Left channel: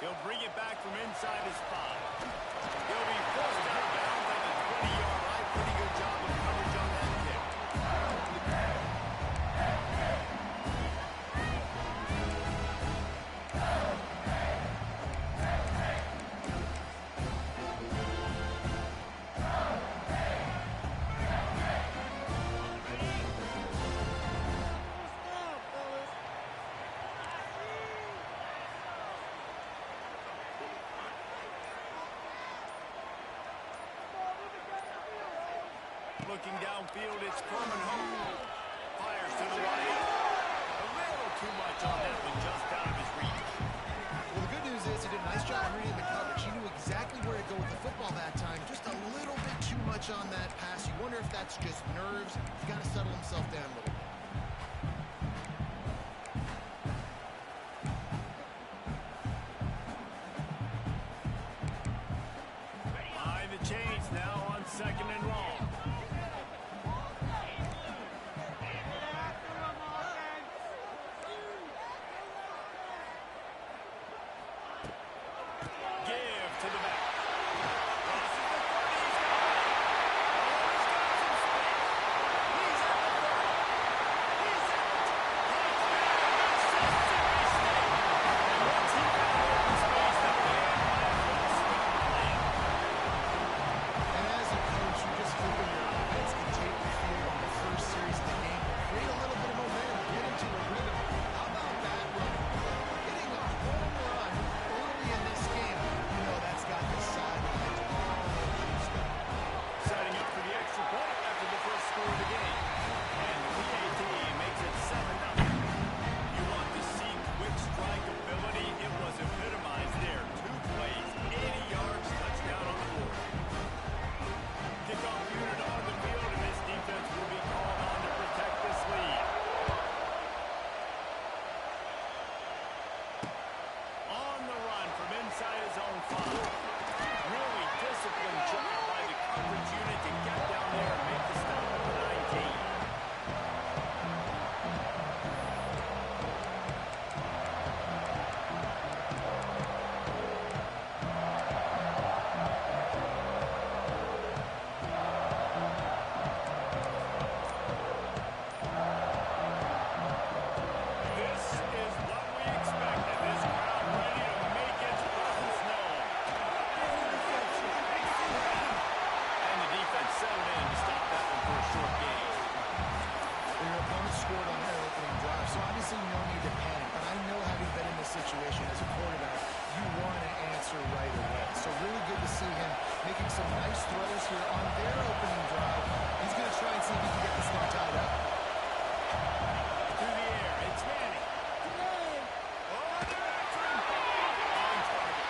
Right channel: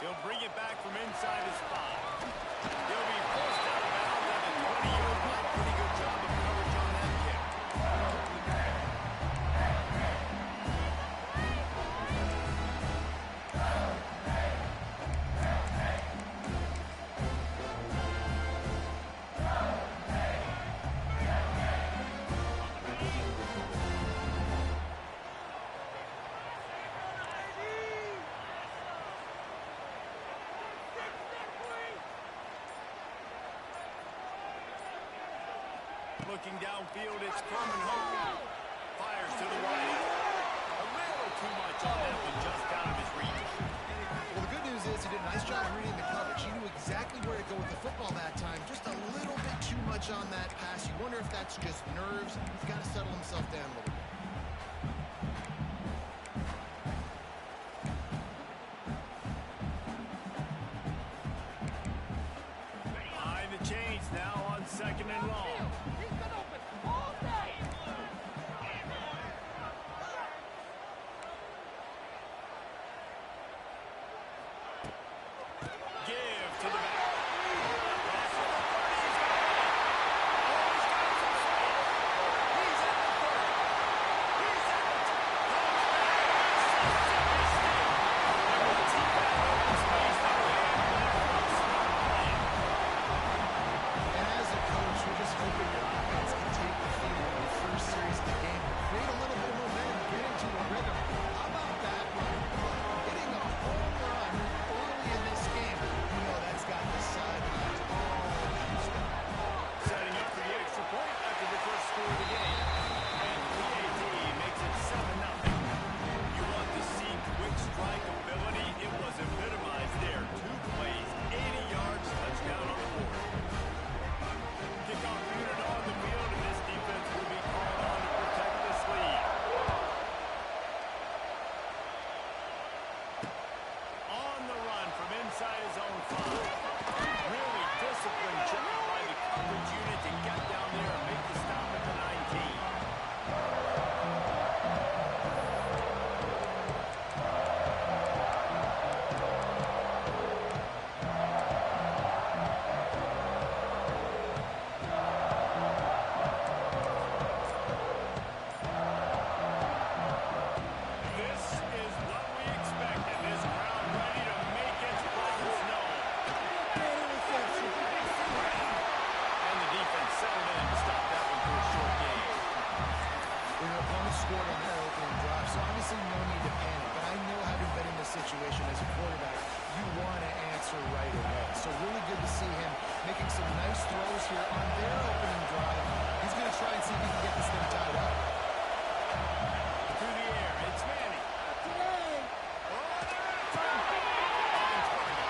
He'll bring it back from inside his 5. He'll be forced out of bounds at the 20-yard line. Pretty good job of coverage on that kick. Looking downfield, it's Coleman home. Fires to the right. A little too much on that one, just out of his reach. Well, the good news is he did a nice job reading the coverage. He knew exactly where to go with the football that time. Just a little bit too much on that pass. You wonder if that's just nerves. He's got to settle himself down a little bit. Behind the chains now on 2nd and long. To the back. Crosses the 30. He's got it. Oh, he's got some space. He's at the 30. He's at the 10. Touchdown, Mississippi State. And once he found open space, the band left strong plan. And as a coach, you're just hoping your offense can take the field on the first series of the game, create a little bit of momentum, get into a rhythm. How about that running play? Hitting a home run early in this game. That's got the sidelines all juiced up. Setting up for the extra point after the first score of the game. And the PAT makes it 7-0. You want to see quick strike ability? It was epitomized there. 2 plays, 80 yards, touchdown on the board. Kickoff unit on the field, and this defense will be called on to protect this lead. On the run from inside his own 5. Really disciplined job by the coverage unit to get down there and make the stop at the 19. This is what we expected. This crowd ready to make its presence known. And the defense settled in to stop that one for a short gain. Well, your opponent scored on their opening drive, so obviously no need to panic. But I know, having been in this situation as a quarterback, you want to answer right away. So really good to see him making some nice throws here on their opening drive. He's going to try and see if he can get this thing tied up. Through the air, it's Manning. Oh, they're after him. On target.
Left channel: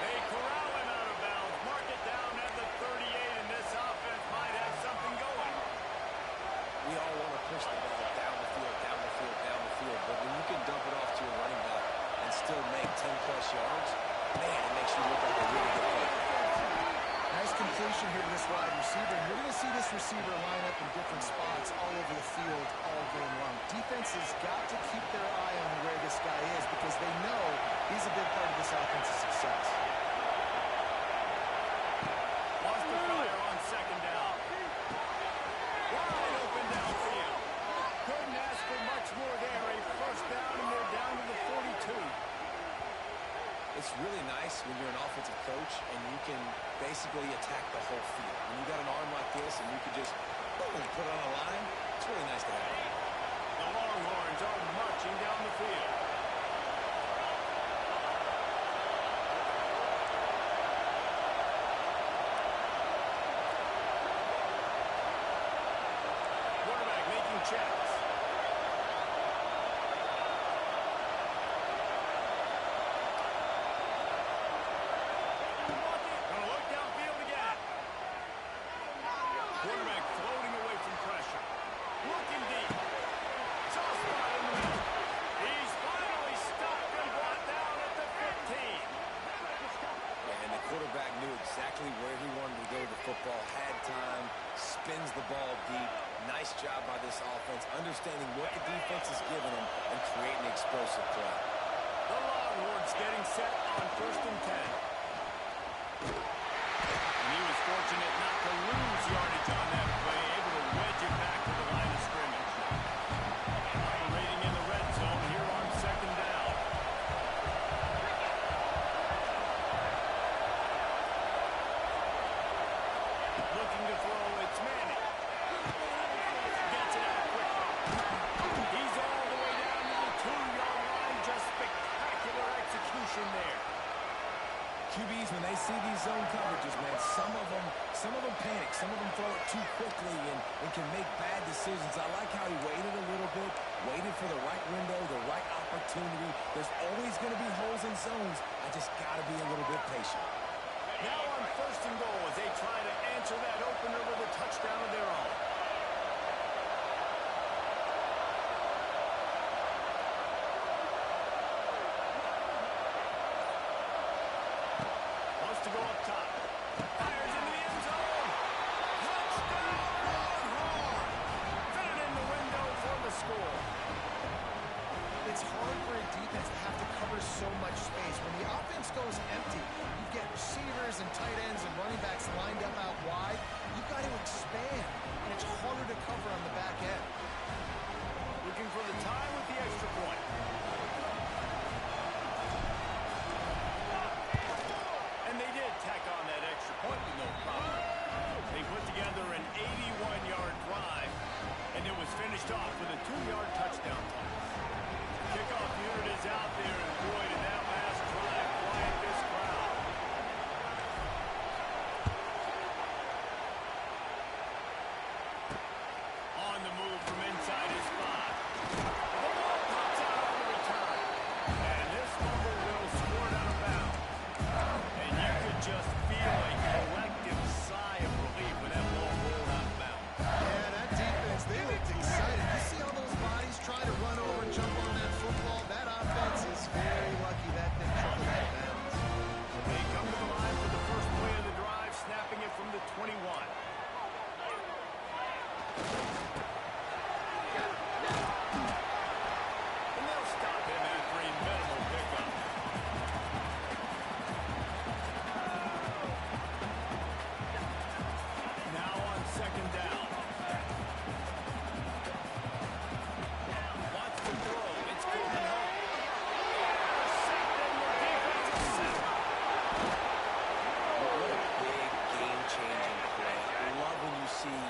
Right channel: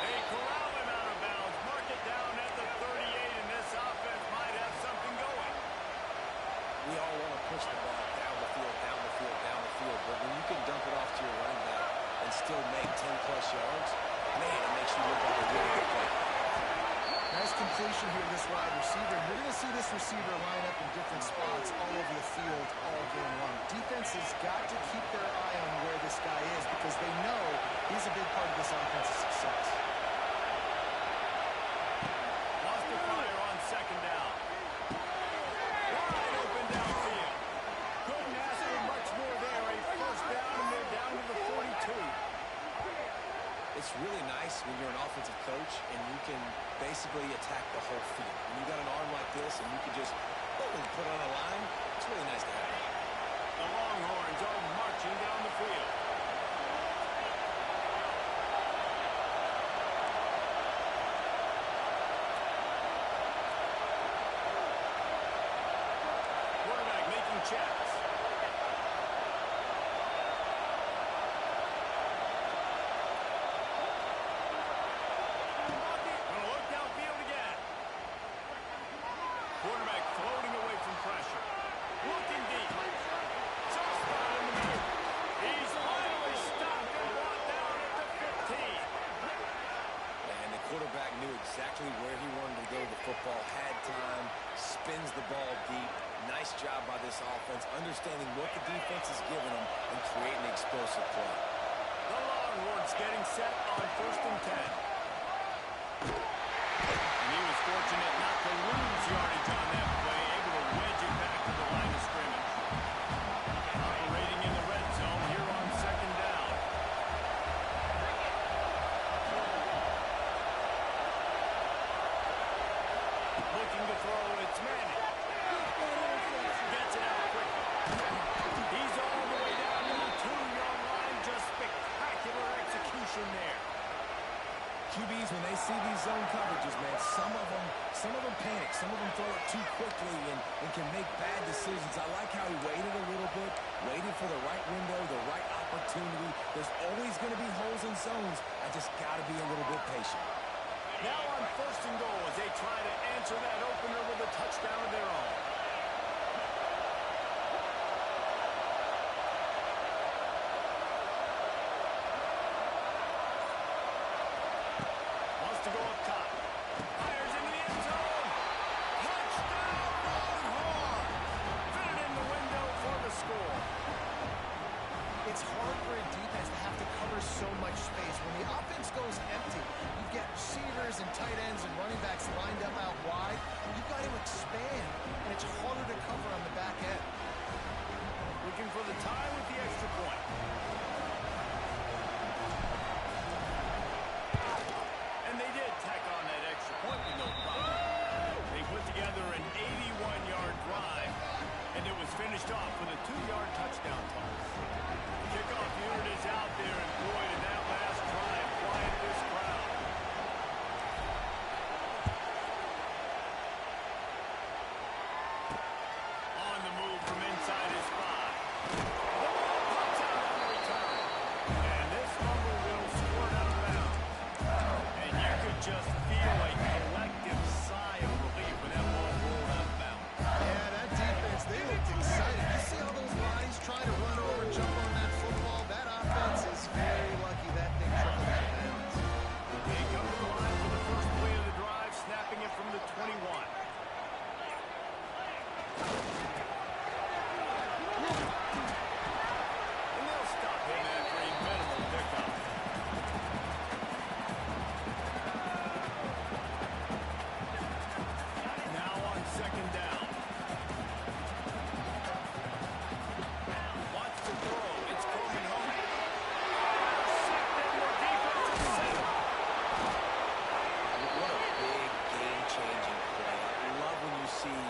They corral him out of bounds. Mark it down at the 38, and this offense might have something going. We all want to push the ball down the field, down the field, down the field. But when you can dump it off to your running back and still make 10-plus yards, man, it makes you look like a really good player. Nice completion here to this wide receiver. And you're going to see this receiver line up in different spots all over the field all game long. Defense has got to keep their eye on where this guy is because they know he's a big part of this offense's success. Lost the fire on 2nd down. Wide open downfield. Couldn't ask for much more there. A first down, and they're down to the 42. It's really nice when you're an offensive coach and you can basically attack the whole field. When you got an arm like this and you can just, boom, put it on the line, it's really nice to have that. The Longhorns are marching down the field. Quarterback making checks. Gonna look downfield again. Quarterback floating away from pressure. Looking deep. Soft spot in the middle. He's finally stopped and brought down at the 15. And the quarterback knew exactly where he wanted to go with the football, had time, spins the ball deep. Nice job by this offense, understanding what the defense is giving them and creating explosive play. The Longhorns getting set on 1st and 10. And he was fortunate not to lose yardage on that play, able to wedge it back to the line of scrimmage. Operating in the red zone here on 2nd down. Looking to throw, it's Manning. Gets it out quickly. He's all the way down to the 2-yard line. Just spectacular execution there. QBs, when they see these zone coverages, man, some of them panic. Some of them throw it too quickly and can make bad decisions. I like how he waited a little bit, waited for the right window, the right opportunity. There's always going to be holes in zones. I just got to be a little bit patient. Now on 1st and goal as they try to answer that opener with a touchdown of their own. Wants to go up top. Fires into the end zone. Touchdown, Longhorn! Fit it in the window for the score. It's hard for a defense to have to cover so much space. When the offense goes empty, you get receivers and tight ends and running backs lined up out wide. You've got to expand, and it's harder to cover on the back end. Looking for the tie with the extra point. And they did tack on that extra point with no problem. They put together an 81-yard drive, and it was finished off with a 2-yard touchdown toss. Kickoff unit is out there, and boy, did that last drive quiet this crowd. On the move from inside his 5. The ball pops out on the return. And this fumble will squirt out of bounds. And you could just feel a collective sigh of relief when that ball rolled out of bounds. Yeah, that defense, they looked excited. You see all those bodies try to run over, jump on that football. That offense is very lucky that thing trickled out of bounds. They come to the line for the first play of the drive, snapping it from the 21. And they'll stop him after a minimal pickup. Now on 2nd down. Wants to throw. It's Coleman home. Intercepted, and the defense is set. What a big game-changing play. I love when you see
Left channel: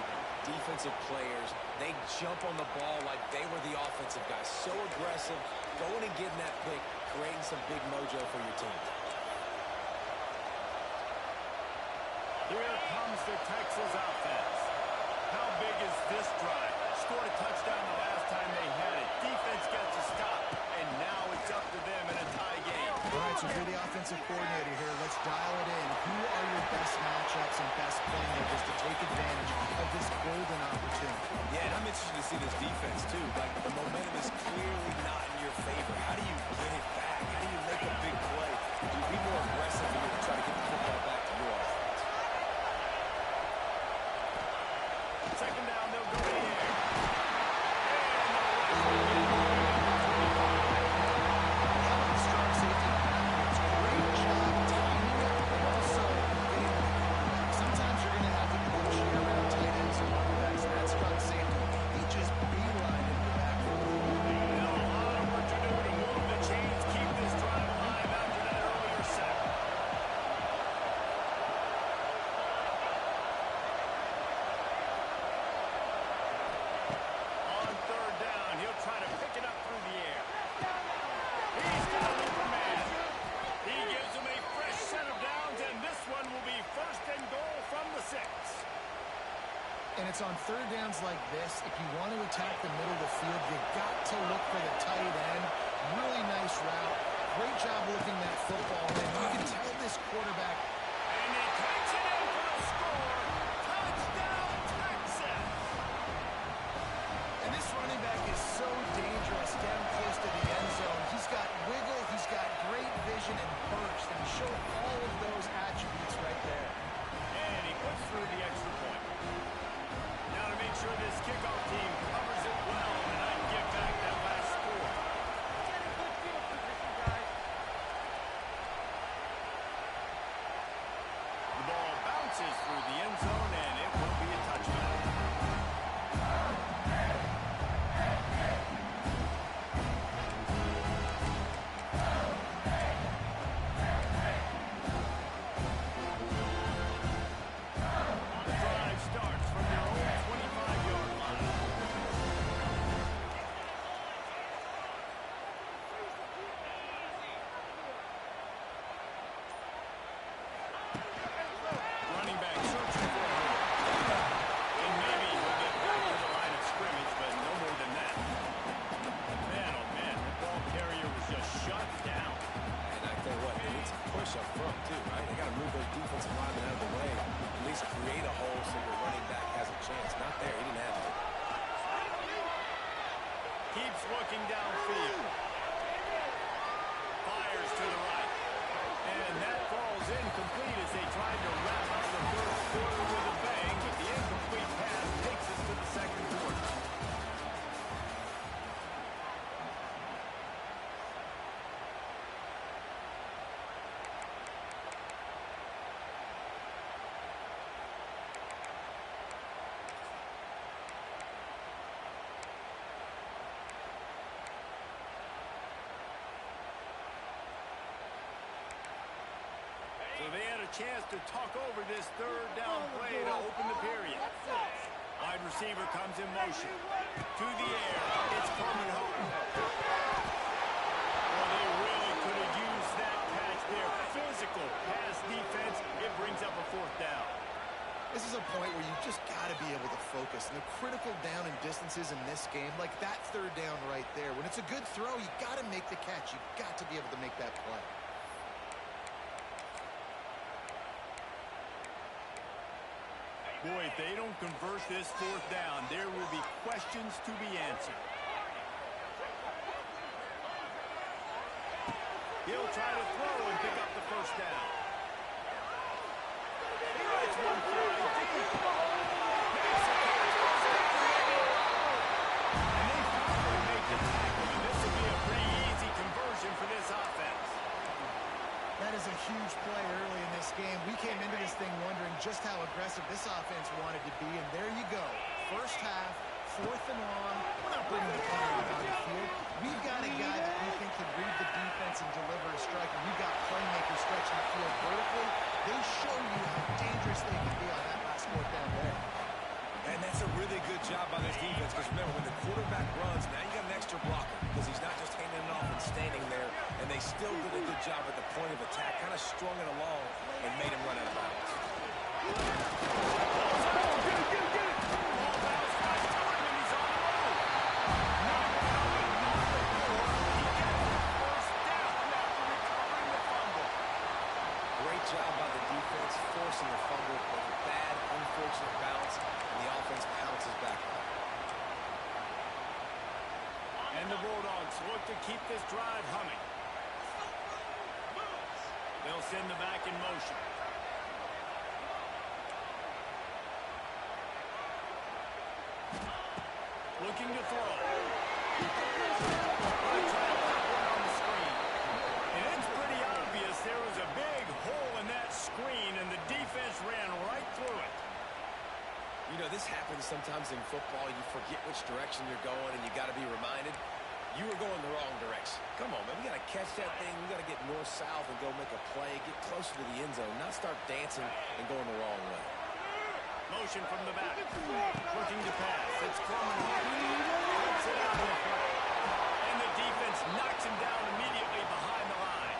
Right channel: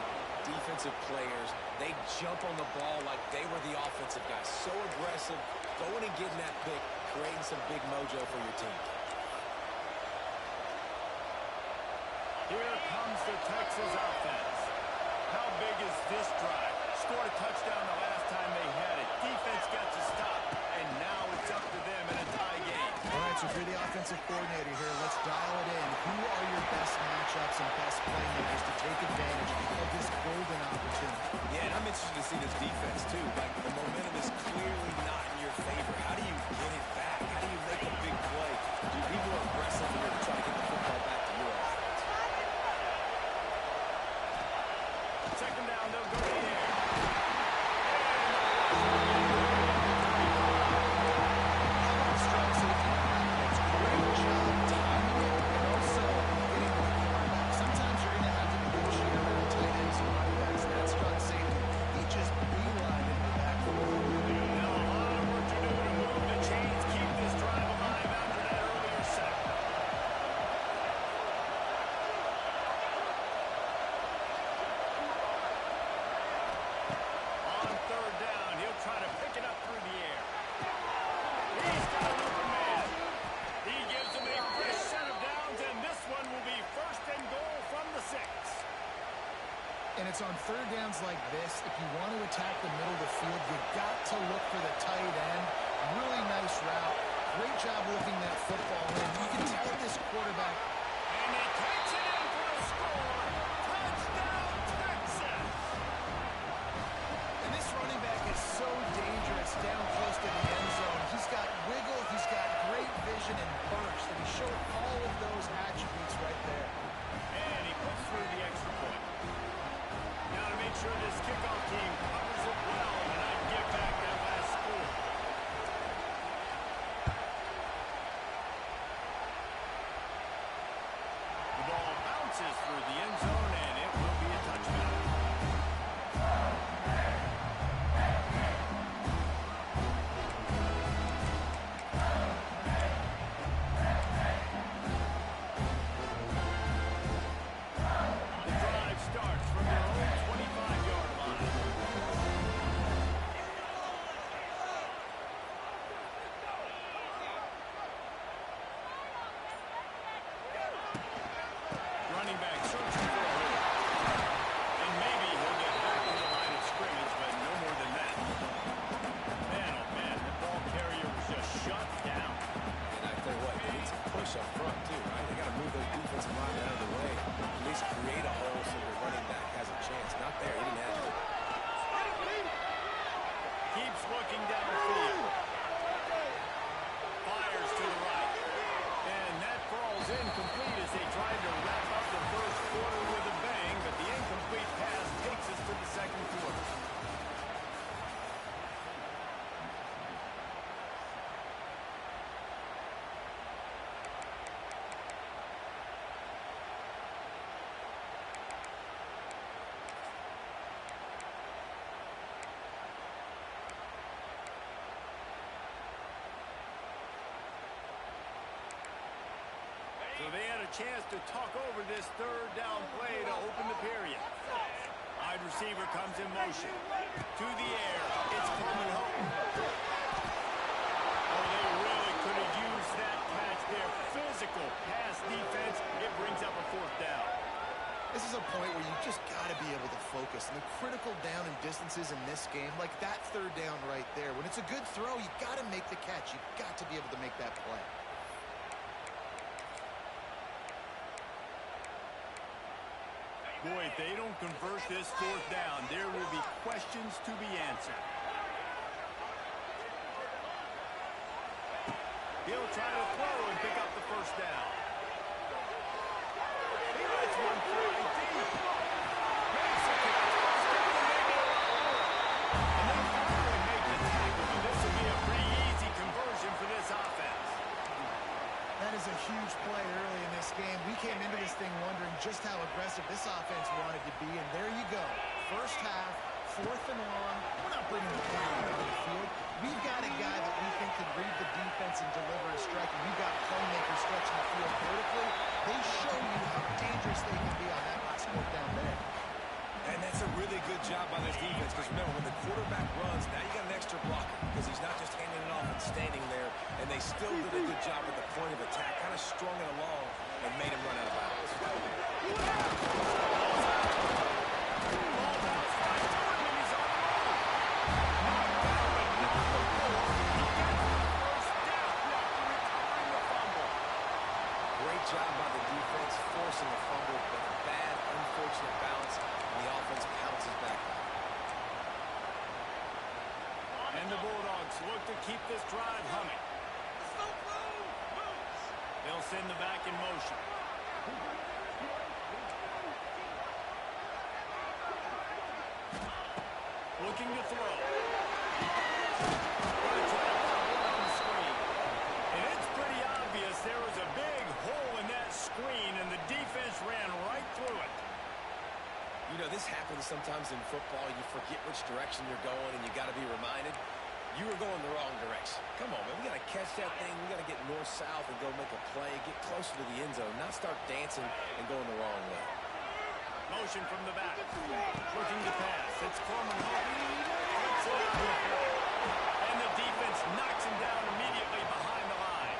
defensive players, they jump on the ball like they were the offensive guys. So aggressive, going and getting that pick, creating some big mojo for your team. Here comes the Texas offense. How big is this drive? Scored a touchdown the last time they had it. Defense gets a stop, and now it's up to them in a tie game. All right, so if you're the offensive coordinator here, let's dial it in. Who are your best matchups and best playmakers to take advantage of this golden opportunity? Yeah, and I'm interested to see this defense, too. Like, the momentum is clearly not in your favor. How do you get it back? How do you make a big play? Do you be more aggressive here to try to get the football back to your offense? 2nd down, they'll go in the air. And the rush will get it to the 25. How about the strong safety on that? It's a great job timing it and also getting to the quarterback. Sometimes you're going to have to negotiate around tight ends and running backs, and that strong safety, he just beelined into the backfield. Now a lot of work to do to move the chains, keep this drive alive after that earlier sack. On 3rd down, he'll try to pick it up through the air. He's got an open man. He gives him a fresh set of downs, and this one will be 1st and goal from the 6. And it's on 3rd downs like this, if you want to attack the middle of the field, you got to look for the tight end. Really nice route. Great job looking that football in. You can tell this quarterback. And he takes it in for a score. Touchdown, Texas! And this running back is so dangerous down close to the end zone. He's got wiggle, he's got great vision and burst, and he showed all of those attributes sure this kickoff team covers it well and not give back that last score. The ball bounces through the end zone, and it will be a touchback. The drive starts from their own 25-yard line. Running back searching for a hole. And maybe he'll get back to the line of scrimmage, but no more than that. Man, oh man, the ball carrier was just shut down. And I tell you what, they need some push up front too, right? They got to move those defensive linemen out of the way. At least create a hole so your running back has a chance. Not there. He didn't have it. Keeps looking downfield. Fires to the right. And that falls incomplete as they tried to wrap up the first quarter with a bang, but the incomplete pass takes us to the second quarter. So they had a chance to talk over this third down play to open the period. Wide receiver comes in motion. To the air. It's Coleman Hope. Well, they really could have used that catch there. Physical pass defense. It brings up a fourth down. This is a point where you just got to be able to focus. And the critical down and distances in this game, like that third down right there, when it's a good throw, you got to make the catch. You've got to be able to make that play. Boy, if they don't convert this fourth down, there will be questions to be answered. He'll try to throw and pick up the first down. He lets one fly deep. Makes a catch. Goes down to maybe a lot. And they finally make the tackle, and this will be a pretty easy conversion for this offense. That is a huge play early in this game. We came into this thing wondering just how aggressive this offense wanted to be, and there you go. First half, fourth and long. We're not bringing the ball down the field. We've got a guy that we think can read the defense and deliver a strike, and we've got playmakers stretching the field vertically. They show you how dangerous they can be on that last fourth down there. And that's a really good job by this defense, because remember, when the quarterback runs, now you got an extra blocker, because he's not just handing it off and standing there, and they still did a good job at the point of attack, kind of strung it along and made him run out of bounds. Ball bounce right to him, and he's on the move. Knocked down, but not before he gets the first down after recovering the fumble. Great job by the defense, forcing the fumble, but a bad, unfortunate bounce, and the offense pounces back on. And the Bulldogs look to keep this drive humming. They'll send the back in motion. Looking to throw. Going to try to pop one on the screen. And it's pretty obvious there was a big hole in that screen, and the defense ran right through it. You know, this happens sometimes in football. You forget which direction you're going, and you got to be reminded, you were going the wrong direction. Come on, man. We got to catch that thing. We got to get north-south and go make a play, get closer to the end zone, not start dancing and going the wrong way. Motion from the back. Looking to pass. It's Coleman Hope. Flips it out in front. And the defense knocks him down immediately behind the line.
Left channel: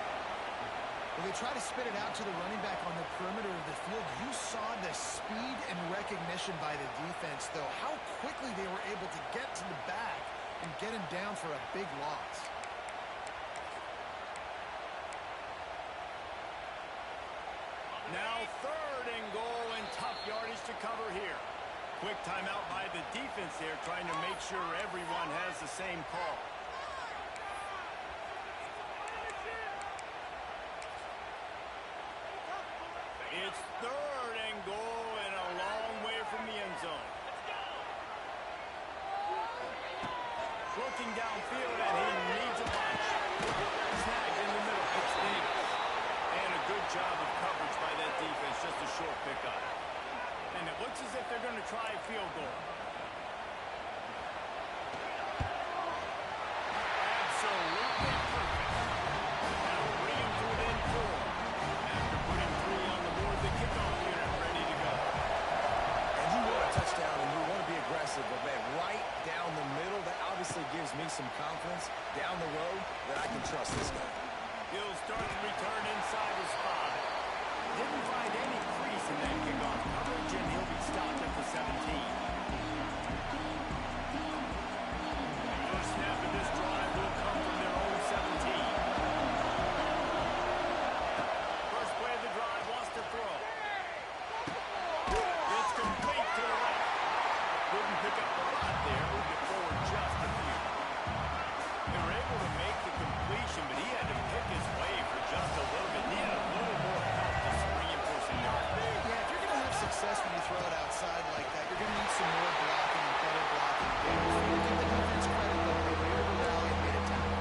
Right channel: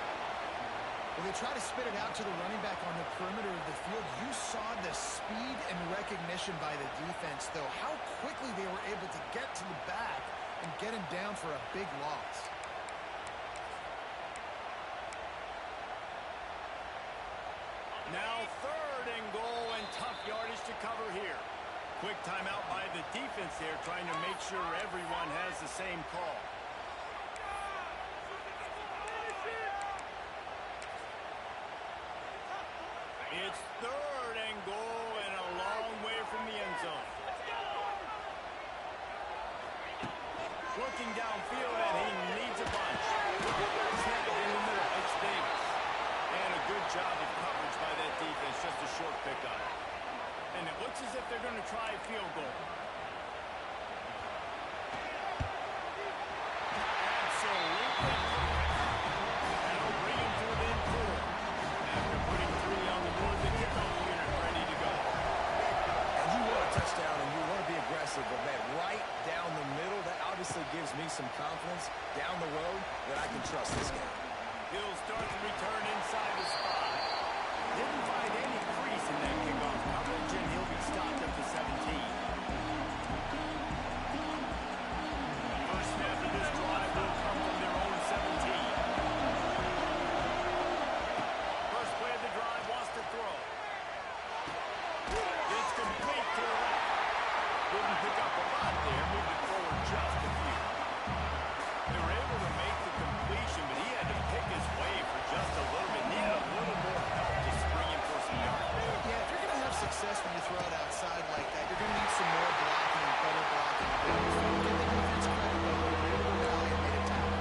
Well, they try to spit it out to the running back on the perimeter of the field. You saw the speed and recognition by the defense, though. How quickly they were able to get to the back and get him down for a big loss. Now third and goal, and tough yardage to cover here. Quick timeout by the defense there, trying to make sure everyone has the same call. It's third and goal, and a long way from the end zone. Looking downfield, and he needs a bunch. Snagged in the middle. It's Davis. And a good job of coverage by that defense. Just a short pickup. And it looks as if they're going to try a field goal. Absolutely perfect. That'll bring him to within 4. After putting 3 on the board, the kickoff unit ready to go. And you want a touchdown and you want to be aggressive, but man, right down the middle, that obviously gives me some confidence down the road that I can trust this guy. He'll start to return inside the spot. Didn't find any crease in that kickoff coverage, and he'll be stopped at the 17. First snap of this drive will come from their own 17. First play of the drive wants to throw. It's complete to the left. Didn't pick up a lot there. Moved it forward just a few. They were able to make the completion, but he had to pick his way for just a little bit. Needed a little more help to spring him for some yards. Yeah, if you're going to have success when you throw it outside like that, you're going to need some more blocking and better blocking. Give the defense credit, though. They were able to rally and made a tackle.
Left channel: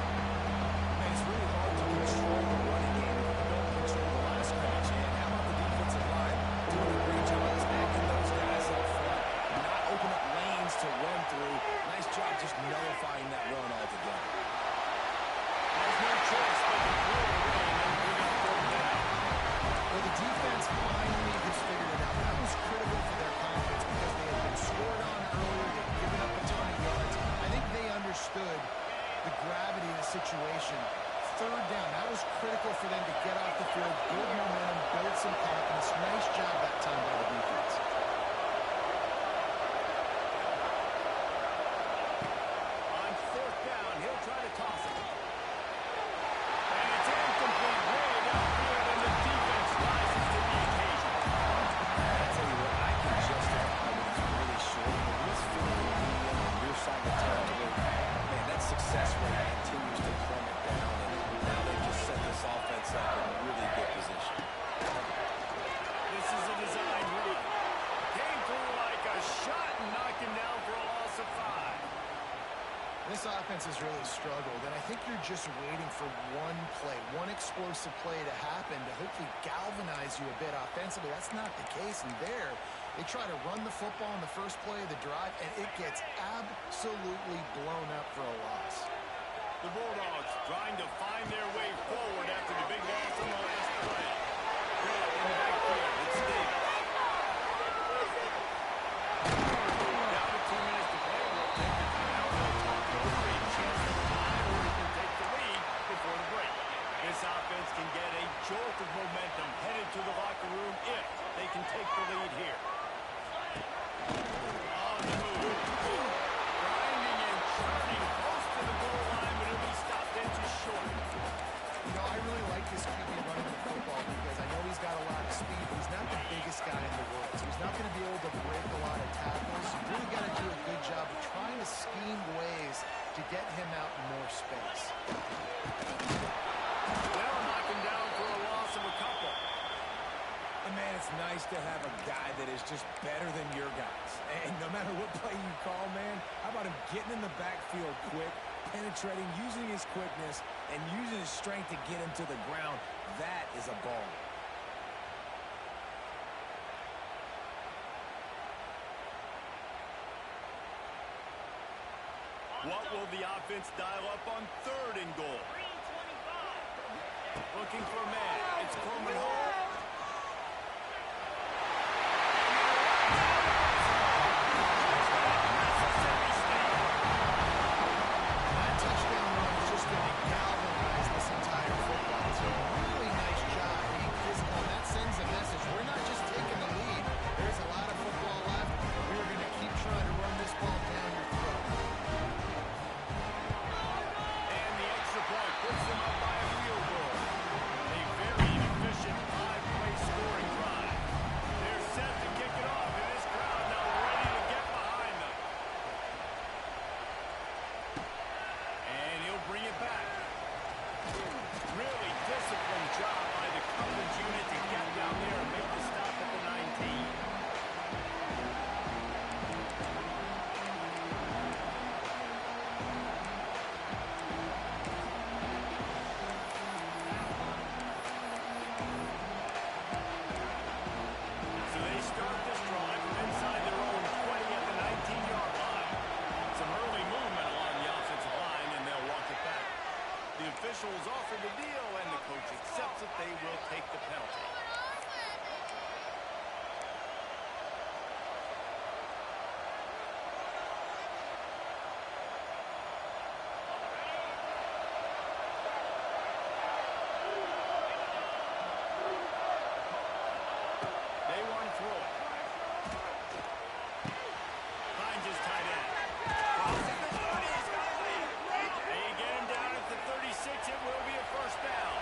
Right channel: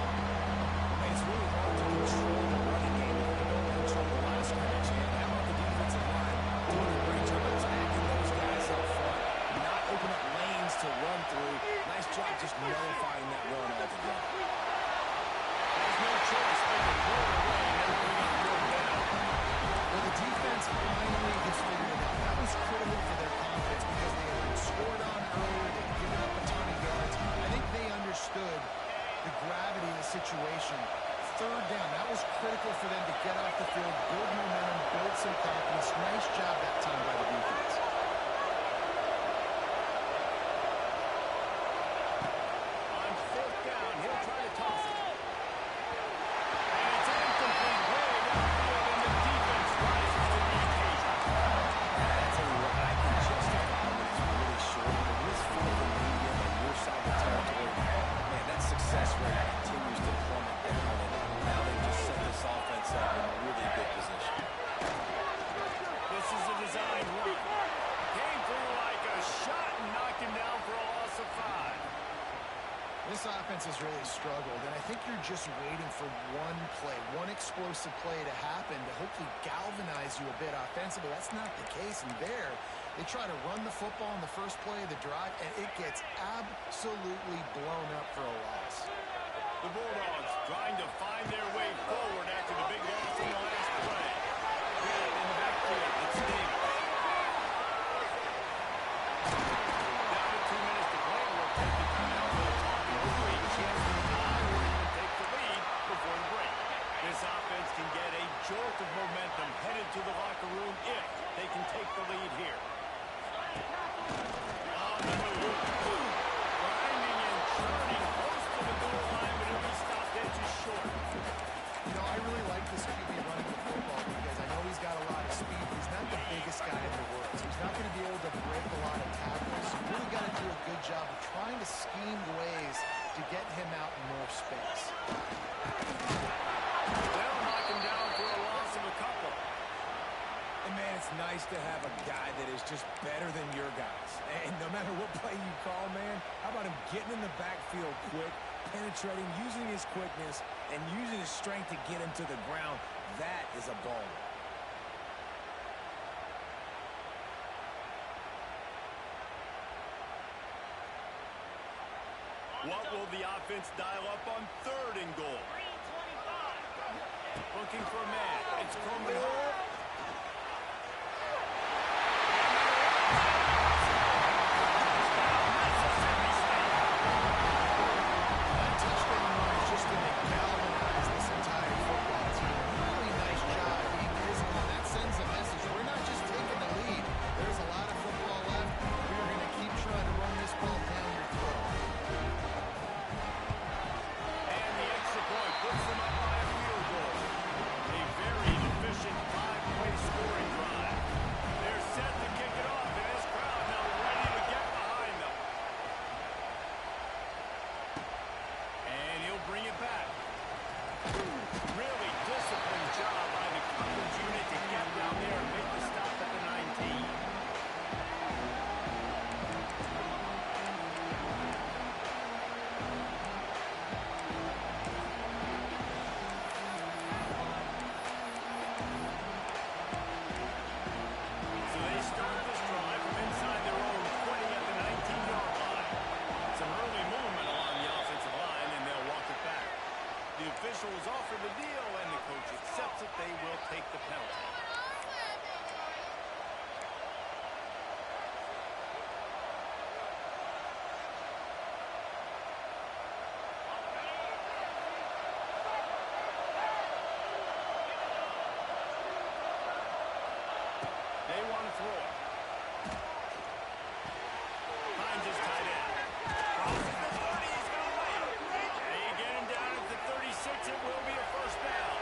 Man, it's really hard to control the running game if you don't control the line of scrimmage. And how about the defensive line doing a great job of attacking those guys up front, not open up lanes to run through. Nice job just nullifying that run altogether. Has no choice but to throw it away and then bring up third down. Well, the defense finally has figured it out. That was critical for their confidence because they had been scored on earlier. They'd given up a ton of yards. I think they understood the gravity of the situation. Third down, that was critical for them to get off the field, build momentum, build some confidence. Nice job that time by the defense. On fourth down, he'll try to toss it. And it's incomplete way downfield, and the defense rises to the occasion. I tell you what, I can justify when it's really short, but when it's fourth and medium on your side of the territory, man, that success rate continues to plummet down, and now they've just set this offense up in really good position. This is a design run. Came through like a shot and knocked him down for a loss of 5. This offense has really struggled, and I think you're just waiting for one play, one explosive play to happen to hopefully galvanize you a bit offensively. That's not the case, and there, they try to run the football in the first play of the drive, and it gets absolutely blown up for a loss. The Bulldogs trying to find their way forward after the big loss in the last play. Red in the backfield, it's Davis. Down to 2 minutes to play, we'll take the timeout. We'll talk it over, a chance to tie or even take the lead before the break. This offense can get a jolt of momentum headed to the locker room if they can take the lead here. On the move. Grinding and churning close to the goal line, but it'll be stopped edges short. You know, I really like this QB running the football because I know he's got a lot of speed. He's not the biggest guy in the world, so he's not going to be able to break a lot of tackles. You really got to do a good job of trying to scheme ways to get him out in more space. They'll knock him down for a loss of a couple. And man, it's nice to have a guy that is just better than your guys. And no matter what play you call, man, how about him getting in the backfield quick, penetrating, using his quickness, and using his strength to get him to the ground? That is a baller. What will the offense dial up on third and goal? Looking for a man. It's Coleman Hall. Mississippi State. That touchdown run is just going to galvanize this entire football team. Really nice job being physical, and that sends a message. We're not just taking the lead. There's a lot of football left. We are going to keep trying to run this ball down your throat. And the extra point puts them up by a field goal. A very efficient 5 chance that they will take the penalty. They want to throw it. Finds his tight end. Crosses the 30. He's going to lay it. They get him down at the 36. It will be a first down.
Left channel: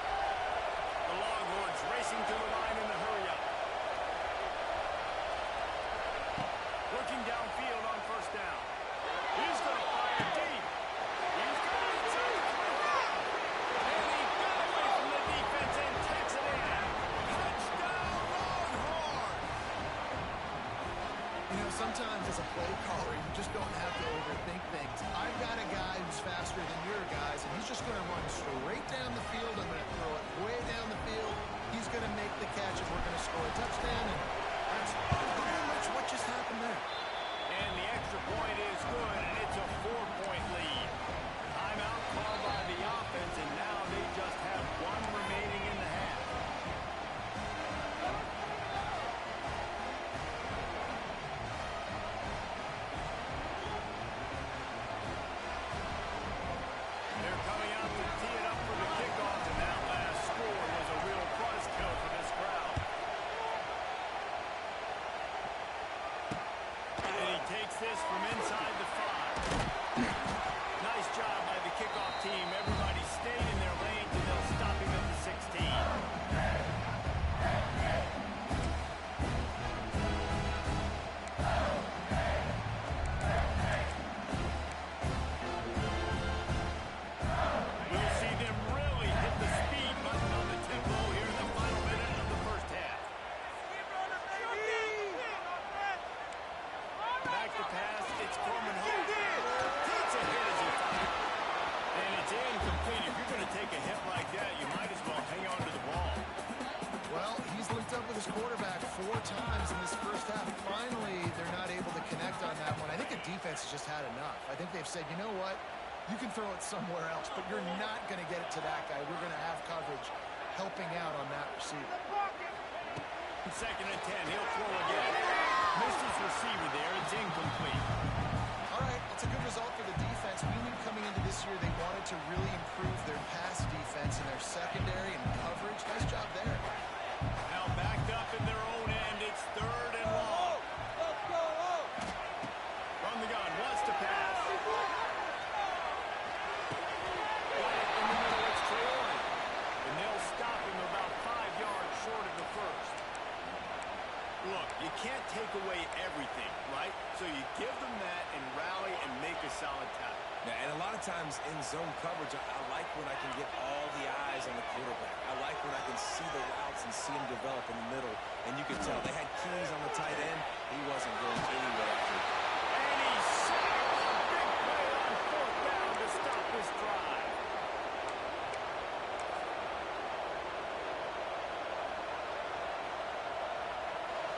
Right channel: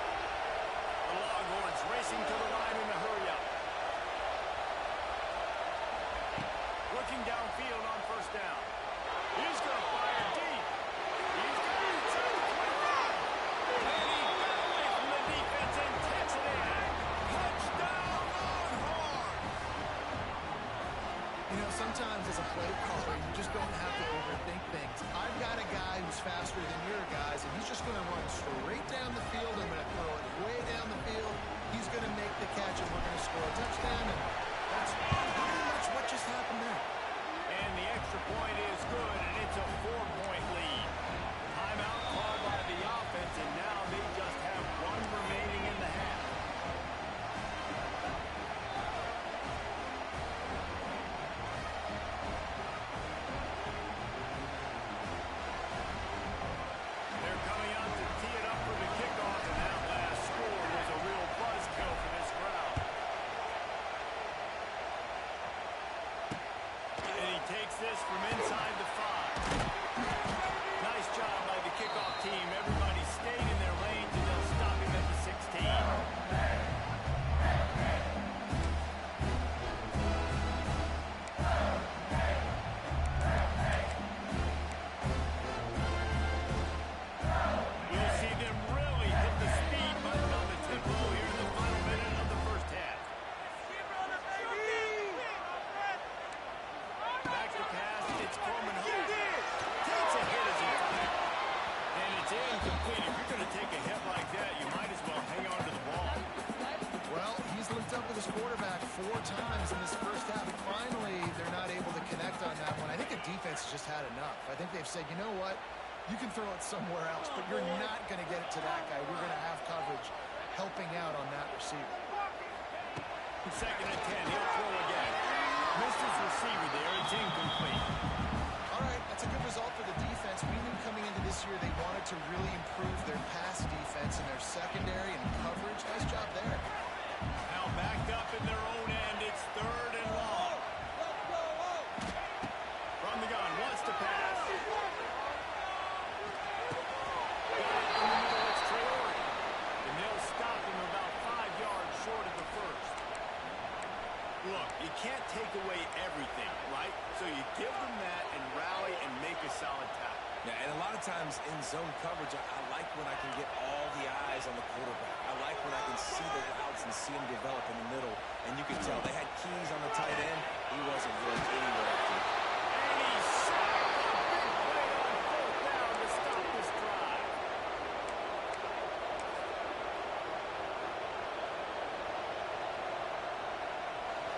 The Longhorns racing to the line in the hurry-up. Looking downfield on first down. He's going to fire deep. He's got it inside the 25. And he got away from the defense and takes it in. Touchdown, Longhorns! You know, sometimes as a play caller, you just don't have to overthink things. I've got a guy who's faster than your guys, and he's just going to run straight down the field. I'm going to throw it way down the field. He's going to make the catch, and we're going to score a touchdown. And that's pretty much what just happened there. And the extra point is good, and it's a 4-point lead. Timeout called by the offense, and now they just have one remaining in the half. They're coming out to tee it up for the kickoff, and that last score was a real buzzkill for this crowd. And he takes this from inside the 5. Nice job by the kickoff team. Everybody stayed in their lanes, and they'll stop him at the 16. We'll see them really hit the speed button on the tempo here in the final minute of the first half. Back to pass, it's Coleman home. Takes a hit as he fired. And it's incomplete. If you're going to take a hit like that, you might as well hang on to the ball. Well, he's linked up with his quarterback 4 times in this first half. Finally, they're not able to connect on that one. I think the defense has just had enough. I think they've said, you know what? You can throw it somewhere else, but you're not going to get it to that guy. We're going to have coverage helping out on that receiver. 2nd and 10, he'll throw again. Missed his receiver there, it's incomplete. All right, that's a good result for the defense. We knew coming into this year they wanted to really improve their pass defense and their secondary and coverage. Nice job there. Now backed up in their own end, it's 3rd and long. From the gun, wants to pass. Got it in the middle, it's Traore. And they'll stop him about 5 yards short of the first. Look, you can't take away everything, right? So you give them that and rally and make a solid tackle. Yeah, and a lot of times in zone coverage, I like when I can get all the eyes on the quarterback. I like when I can see the routes and see him develop in the middle. And you can tell they had keys on the tight end. He wasn't going anywhere after it. And he sacked a big play on 4th down to stop this drive.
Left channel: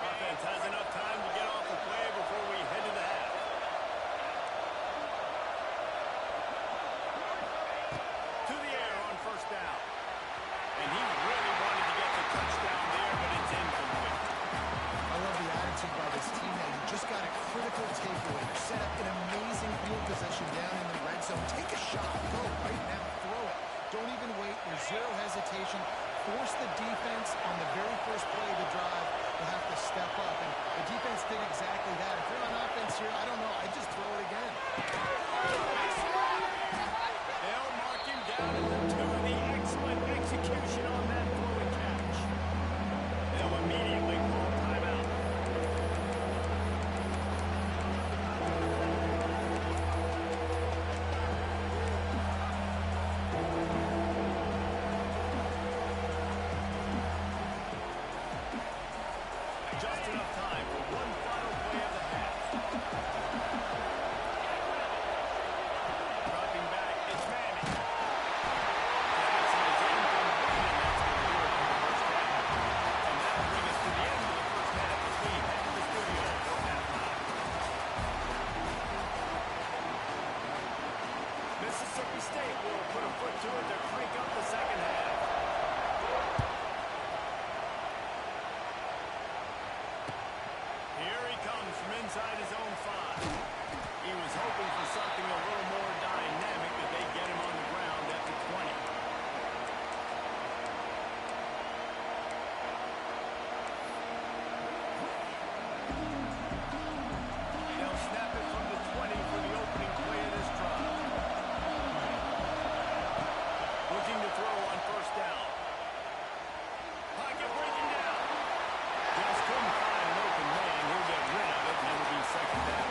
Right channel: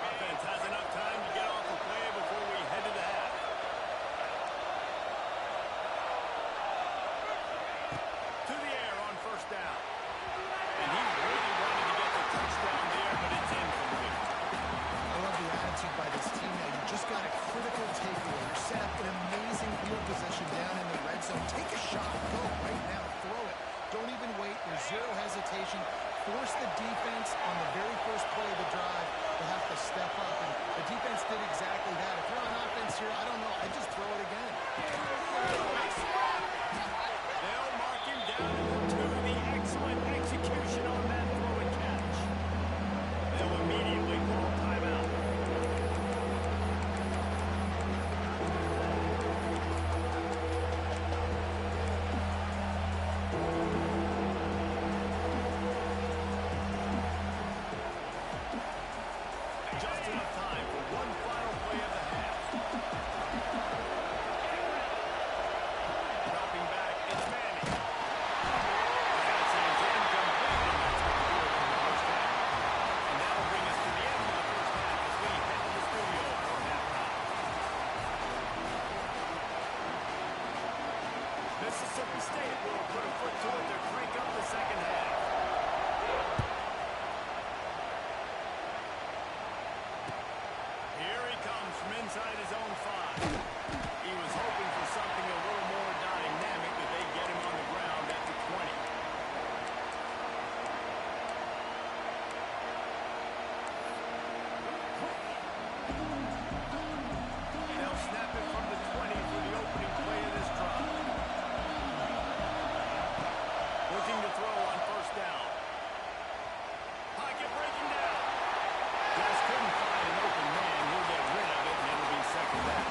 Offense has enough time to get off the play before we head to the half. To the air on 1st down. And he really wanted to get the touchdown there, but it's incomplete. I love the attitude by this team now. You just got a critical takeaway. You're set up in amazing field position down in the red zone. Take a shot. Go right now. Throw it. Don't even wait. There's zero hesitation. Force the defense on the very first play of the drive to have to step up. And the defense did exactly that. If you're on offense here, I don't know. I'd just throw it again. They'll mark him down at the 2. The excellent execution on that throw and catch. They'll immediately call timeout. Just enough time for one final play of the half. Dropping back, it's Manning. Pass is incomplete, and that's going to do it for the first half. And that'll bring us to the end of the first half as we head to the studio for halftime. Mississippi State will put a foot to it to crank up the second half. inside his own 5. He was hoping for something a little more dynamic, that they get him on the ground at the 20. They'll snap it from the 20 for the opening play of this drive. Looking to throw on first down. Pocket breaking down. Just couldn't find an open man. He'll get rid of it, and it'll be second down.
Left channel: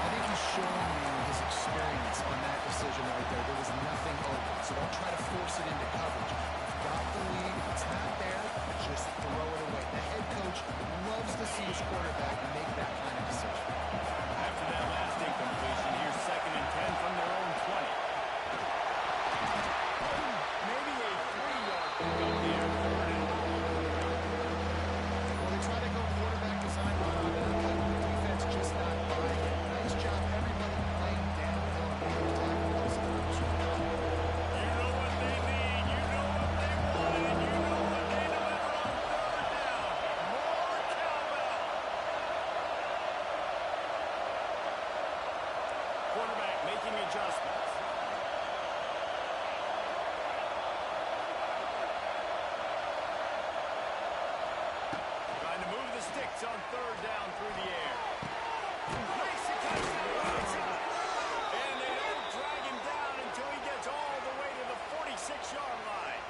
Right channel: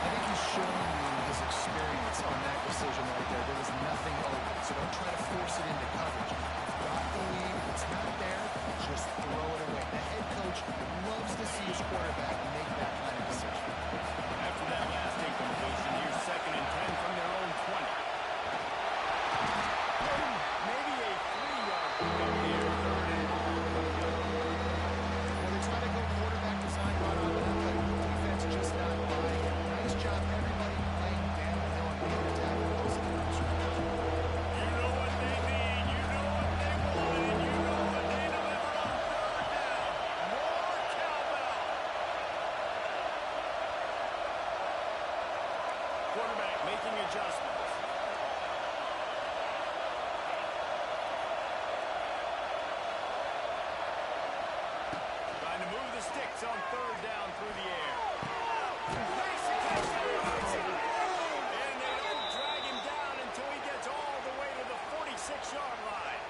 I think he's showing you his experience on that decision right there. There was nothing open, so don't try to force it into coverage. You've got the lead. If it's not there, just throw it away. The head coach loves to see his quarterback make that kind of decision. After that last incompletion, here's 2nd and 10 from their own 20. Maybe a 3-yard pickup there, 3rd and long. Well, they try to go quarterback design run on that, but the defense just not buying it. Nice job, everybody playing downhill and making a tackle close to the first round. You know what they need, you know what they want, and you know what they delivered on 3rd down. More cowbell. Quarterback making adjustments. Trying to move the sticks on 3rd down through the air. Makes the catch on the right side. And they don't drag him down until he gets all the way to the 46-yard line.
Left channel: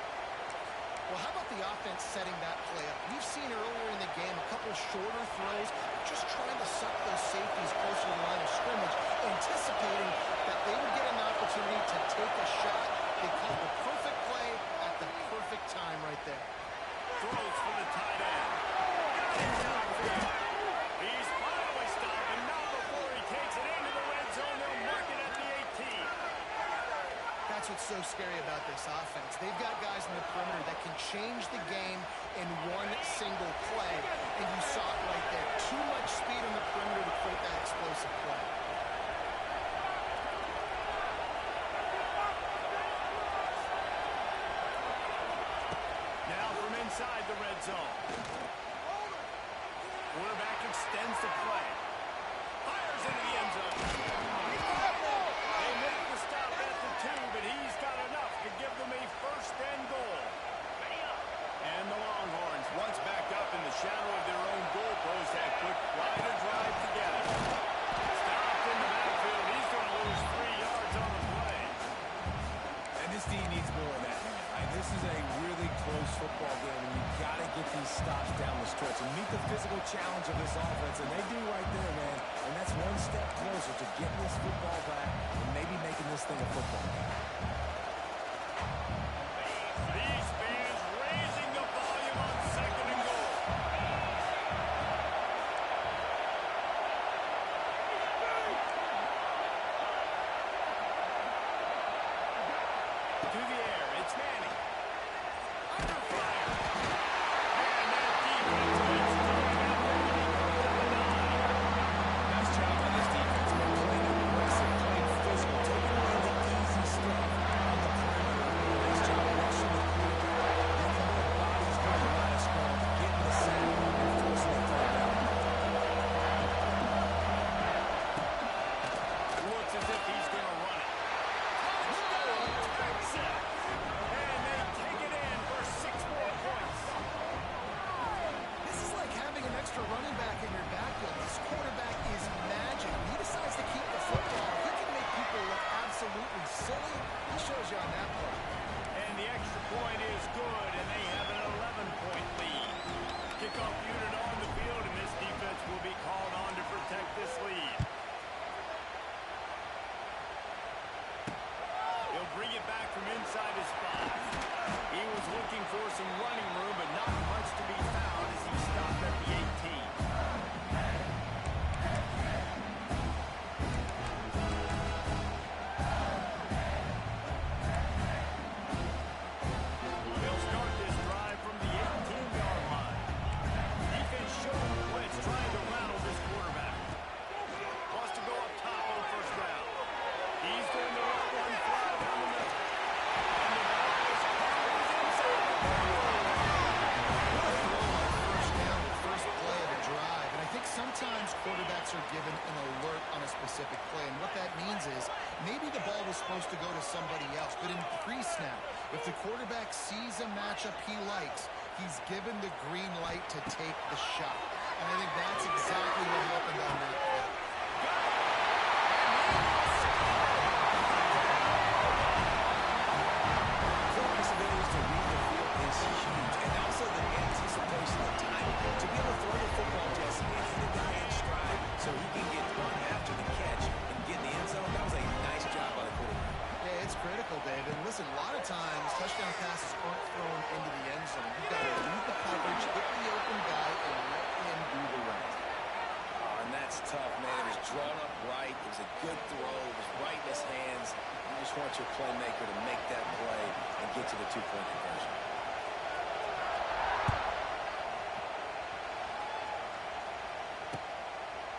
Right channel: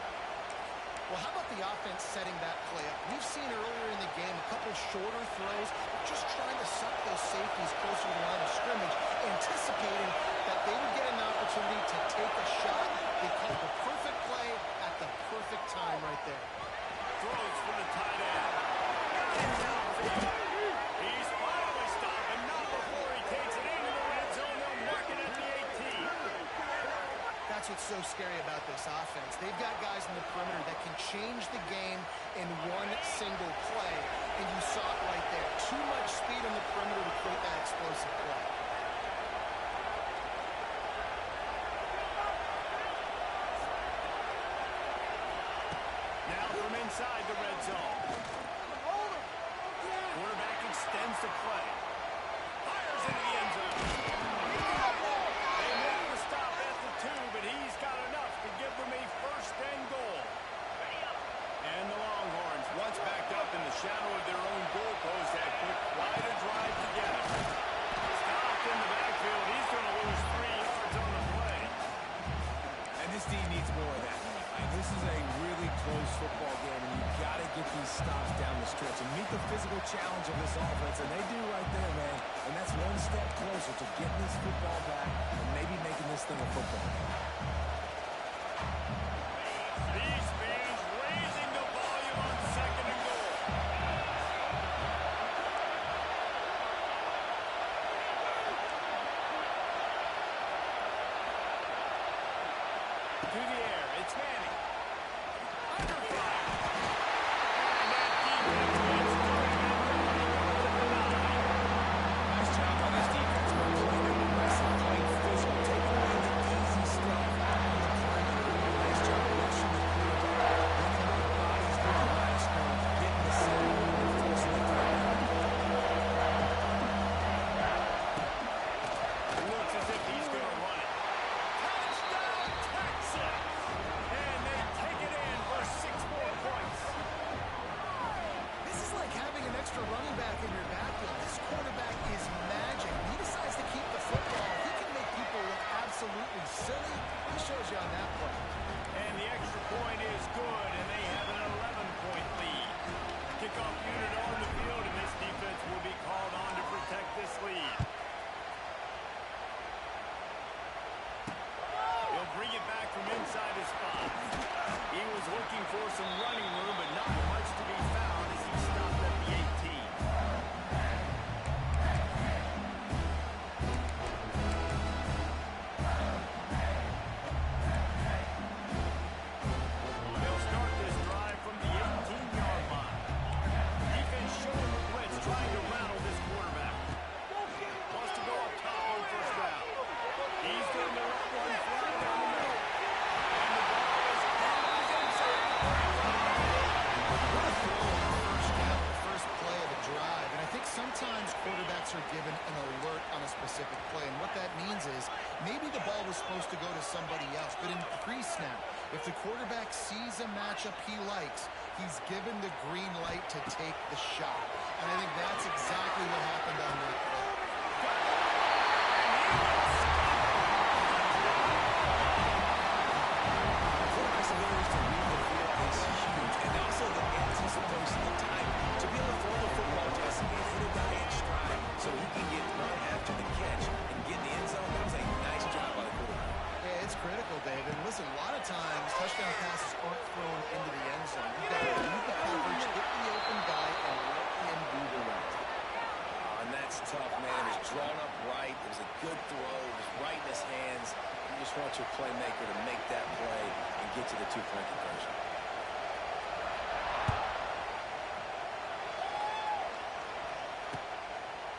Well, how about the offense setting that play up? We've seen earlier in the game a couple shorter throws, just trying to suck those safeties closer to the line of scrimmage, anticipating that they would get an opportunity to take a shot. They called the perfect play at the perfect time right there. Throws for the tight end. Got him downfield. He's finally stopped, and not before he takes it into the red zone. They'll mark it at the 18. That's what's so scary about this offense. They've got guys in the perimeter that can change the game in one single play, and you saw it right there. Too much speed on the perimeter to create that explosive play. Now from inside the red zone. Quarterback extends the play. Fires into the end zone. They make the stop at the 2, but he's got enough to give them a 1st and goal. And the Longhorns, once backed up in the shadow of their own goalpost, have put quite a drive together. Stopped in the backfield. He's going to lose 3 yards on the play. And this team needs more of that, man. This is a really close football game, and you've got to get these stops down the stretch and meet the physical challenge of this offense, and they do right there, man. And that's one step closer to getting this football back and maybe making this thing a football game. These fans raising the volume on 2nd and goal. To the air, it's Manning. Under fire. And that defense gets through him, and down he goes at the 9. Nice job by this defense, man. Playing aggressive, playing physical, taking away the easy stuff on the perimeter. Nice job rushing the quarterback, bringing more bodies through the line of scrimmage, getting the sack, and forcing the 3rd down. Looks as if he's going to run it. Touchdown, Texas! And they take it in for 6 more points. This is like having an extra running back in your backfield. This quarterback is magic. He decides to keep the football. He can make people look absolutely silly. He shows you on that play. And the extra point is good, and they have an 11-point lead. Kickoff unit on the field, and this defense will be called on to protect this lead. He'll bring it back from inside his 5. He was looking for some running room, but not much to be found as he stopped at the 18. They'll start this drive from the 18-yard line. Defense showing blitz, trying to rattle this quarterback. Wants to go up top on 1st down. He's going to let one fly down the middle. And the ball is caught. He's inside the 35. What a throw on 1st down, the first play of the drive. given an alert on a specific play. And what that means is maybe the ball was supposed to go to somebody else, but in pre-snap, if the quarterback sees a matchup he likes, he's given the green light to take the shot. And I think that's exactly what happened on that play. Quarterback's ability to read the field is huge, and also the anticipation of timing. To be able to throw the football, Jesse, and hit a guy in stride so he can get run after the catch and get in the end zone, that was a nice job by the quarterback. Yeah, it's critical, David. And listen, a lot of times touchdown passes aren't thrown into the end zone. You've got to read the coverage, hit the open guy, and let him do the rest. Oh, and that's tough, man. It was drawn up right. It was a good throw. It was right in his hands. You just want your playmaker to make that play and get to the two-point conversion.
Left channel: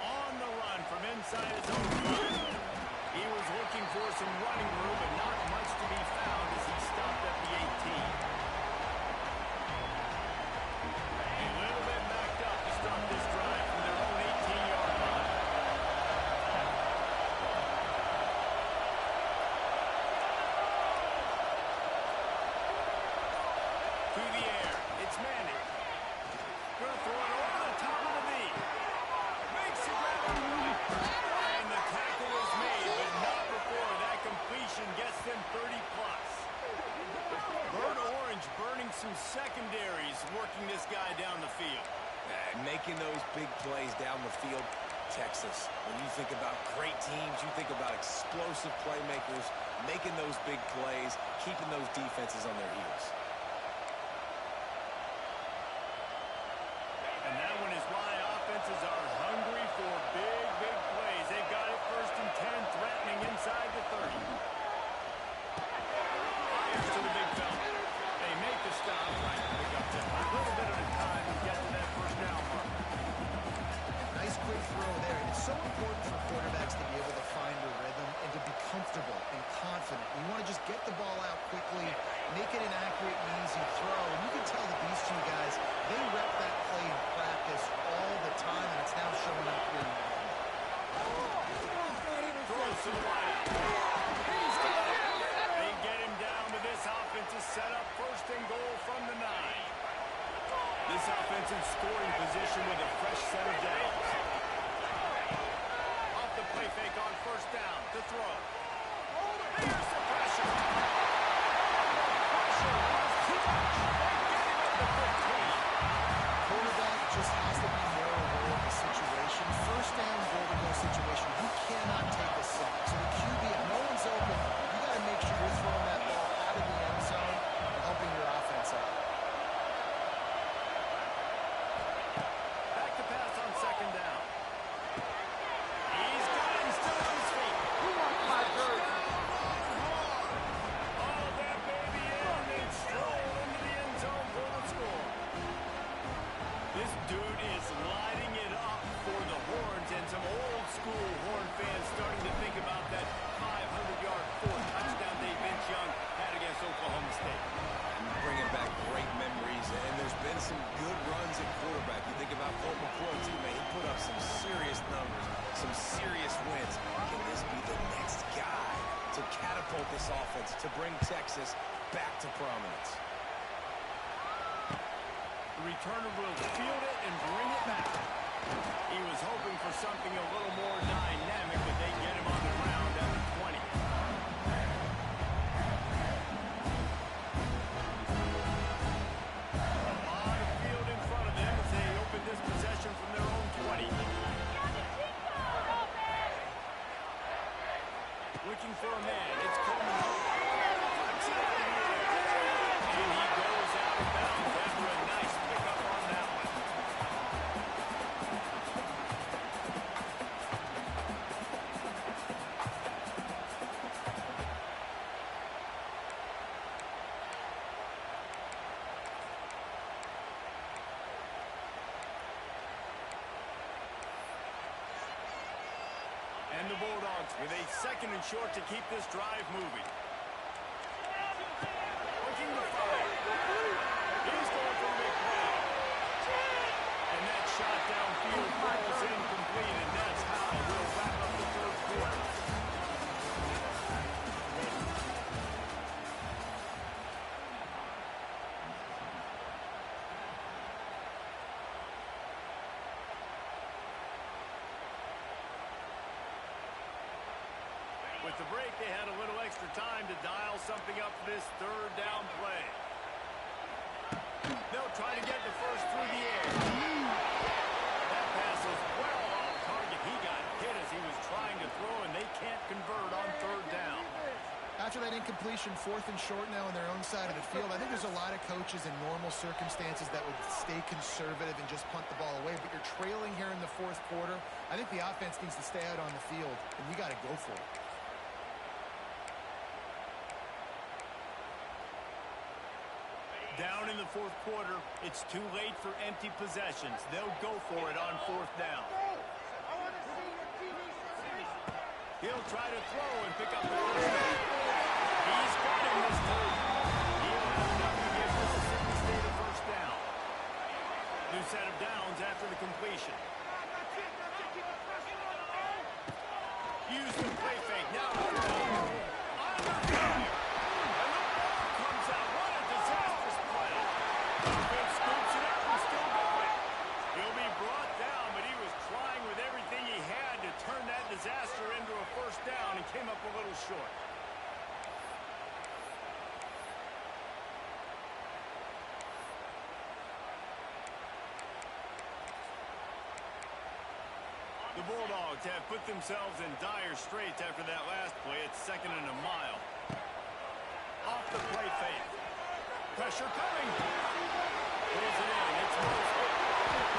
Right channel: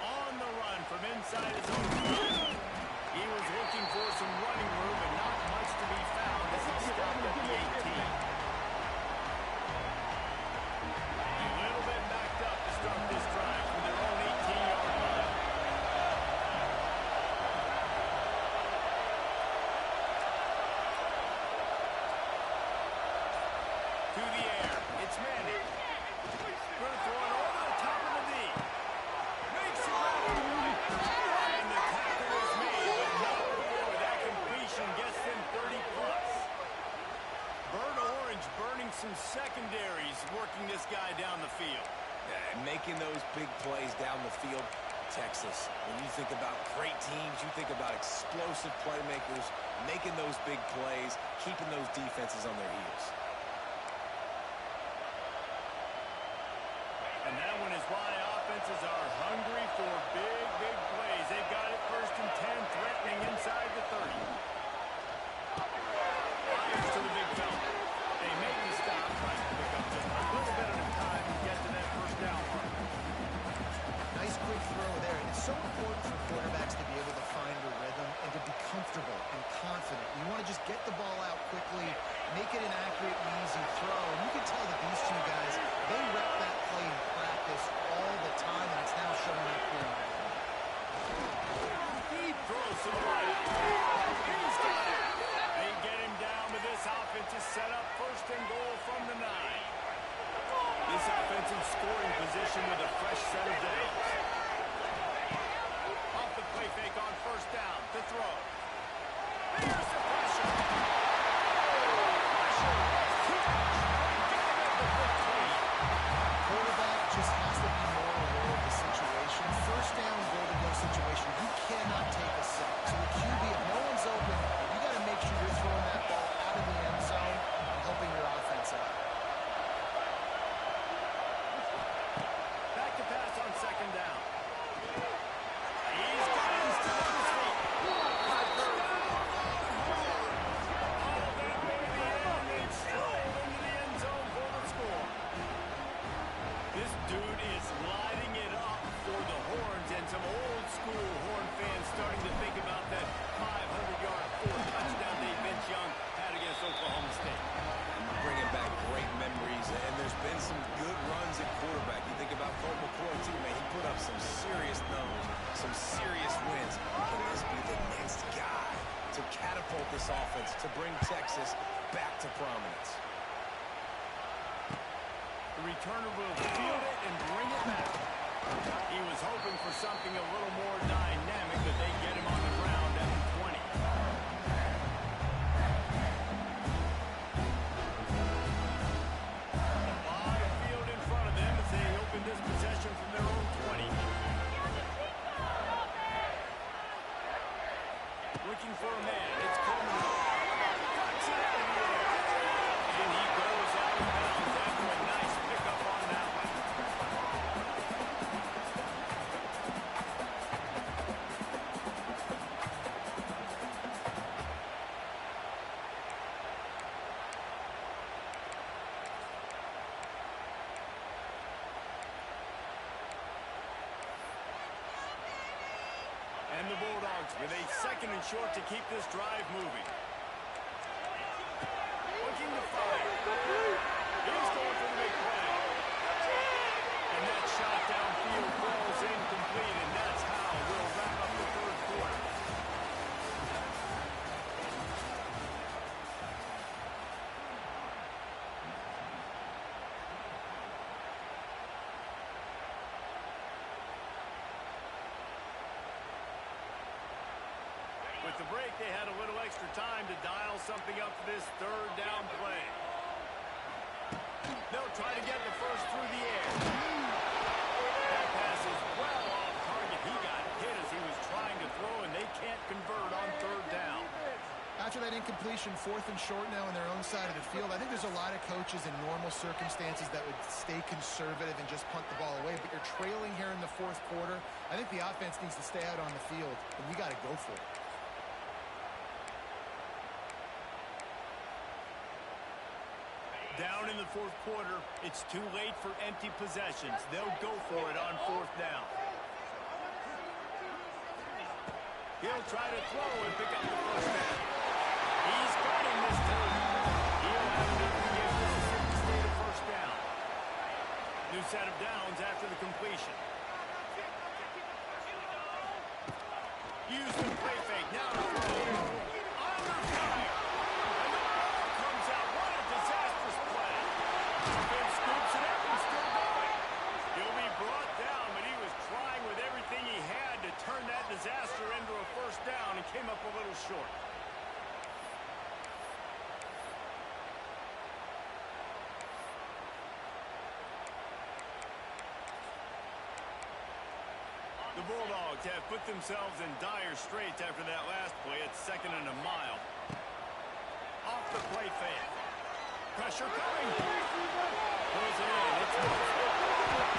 On the run from inside his own 5. He was looking for some running room, but not much to be found as he stopped at the 18. A little bit backed up to start this drive from their own 18-yard line. To the air. It's Manning. Going to throw it over the top of the knee. Makes the grab on the right. And the tackle is made, but not before that completion gets them 30-plus. Bird Orange burning some secondaries, working this guy down the field. Making those big plays down the field. Texas, when you think about great teams, you think about explosive playmakers, making those big plays, keeping those defenses on their heels. And that one is why offenses are hungry for big, big plays. They've got it 1st and 10, threatening inside the 30. Fires to the big fella. They make the stop, trying to pick up just a little bit at a time and get to that 1st down mark. Nice quick throw there. And it's so important for quarterbacks to be able to find a rhythm and to be comfortable and confident. You want to just get the ball out quickly, make it an accurate and easy throw. And you can tell that these two guys, they rep that play in practice all the time, and it's now showing up here in the game. Throws to the right. He's got it. They get him down, but this offense is set up 1st and goal from the 9. This offensive scoring position with a fresh set of downs. Off the play fake on 1st down to throw. Here's the pressure. Pressure was too much. They get him at the 15. Quarterback just has to be more aware of the situation. 1st down, goal-to-go situation. You cannot take a sack. So the QB, if no one's open, you got to make sure you're throwing that ball out of the end zone and helping your offense out. Back to pass on 2nd down. He's got him still on his feet. Touchdown, Longhorns! All that baby in and strolled into the end zone for the score. This dude is lighting it up for the Horns, and some old-school Horn fans starting to think about that 500-yard 4th touchdown Dave Vince Young had against Oklahoma State. Bringing back great memories, and there's been some good runs at quarterback. You think about Colt McCoy, too, man. He put up some serious numbers, some serious wins. Can this be the next guy to catapult this offense, to bring Texas back to prominence? The returner will field it and bring it back. He was hoping for something a little more dynamic, but they get him on the ground at the 20. A lot of field in front of them as they open this possession from their own 20. Looking for a man. It's Coleman. Flex it out of the air. And he goes out of bounds after a nice pickup on that one. And the Bulldogs with a 2nd and short to keep this drive moving. Looking to fire. He's going for the big play. And that shot downfield falls incomplete, and that's how With the break, they had a little extra time to dial something up for this third down play. They'll try to get the first through the air. That pass is well off target. He got hit as he was trying to throw, and they can't convert on third down. After that incompletion, 4th and short now on their own side of the field, I think there's a lot of coaches in normal circumstances that would stay conservative and just punt the ball away. But you're trailing here in the 4th quarter. I think the offense needs to stay out on the field, and you got to go for it. Down in the 4th quarter, it's too late for empty possessions. They'll go for it on 4th down. He'll try to throw and pick up the first down. He's got him this time. He'll have enough to give Mississippi State a first down. New set of downs after the completion. Use the play fake. Now to throw. Under fire. And the ball comes out. What a disastrous play. Offense scoops it up and still going. He'll be brought down, but he was trying with everything he had to turn that disaster into a first down and came up a little short. The Bulldogs have put themselves in dire straits after that last play. It's 2nd and a mile. Off the play fake. Pressure coming. Pulls it in. It's Mosley.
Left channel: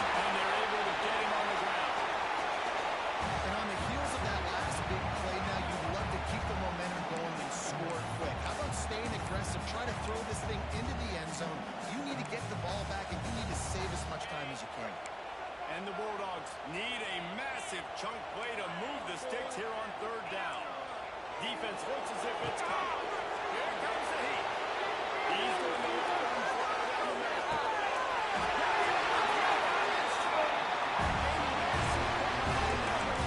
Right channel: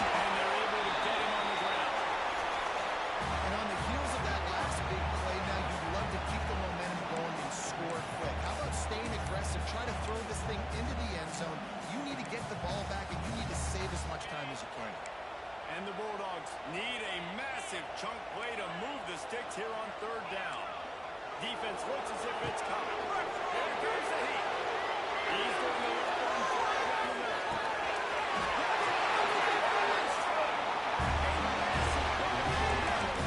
And they're able to get him on the ground. And on the heels of that last big play now, you'd love to keep the momentum going and score quick. How about staying aggressive? Try to throw this thing into the end zone. You need to get the ball back, and you need to save as much time as you can. And the Bulldogs need a massive chunk play to move the sticks here on third down. Defense looks as if it's coming. Here comes the heat. He's going to let one fly down the middle. A massive pickup on that one.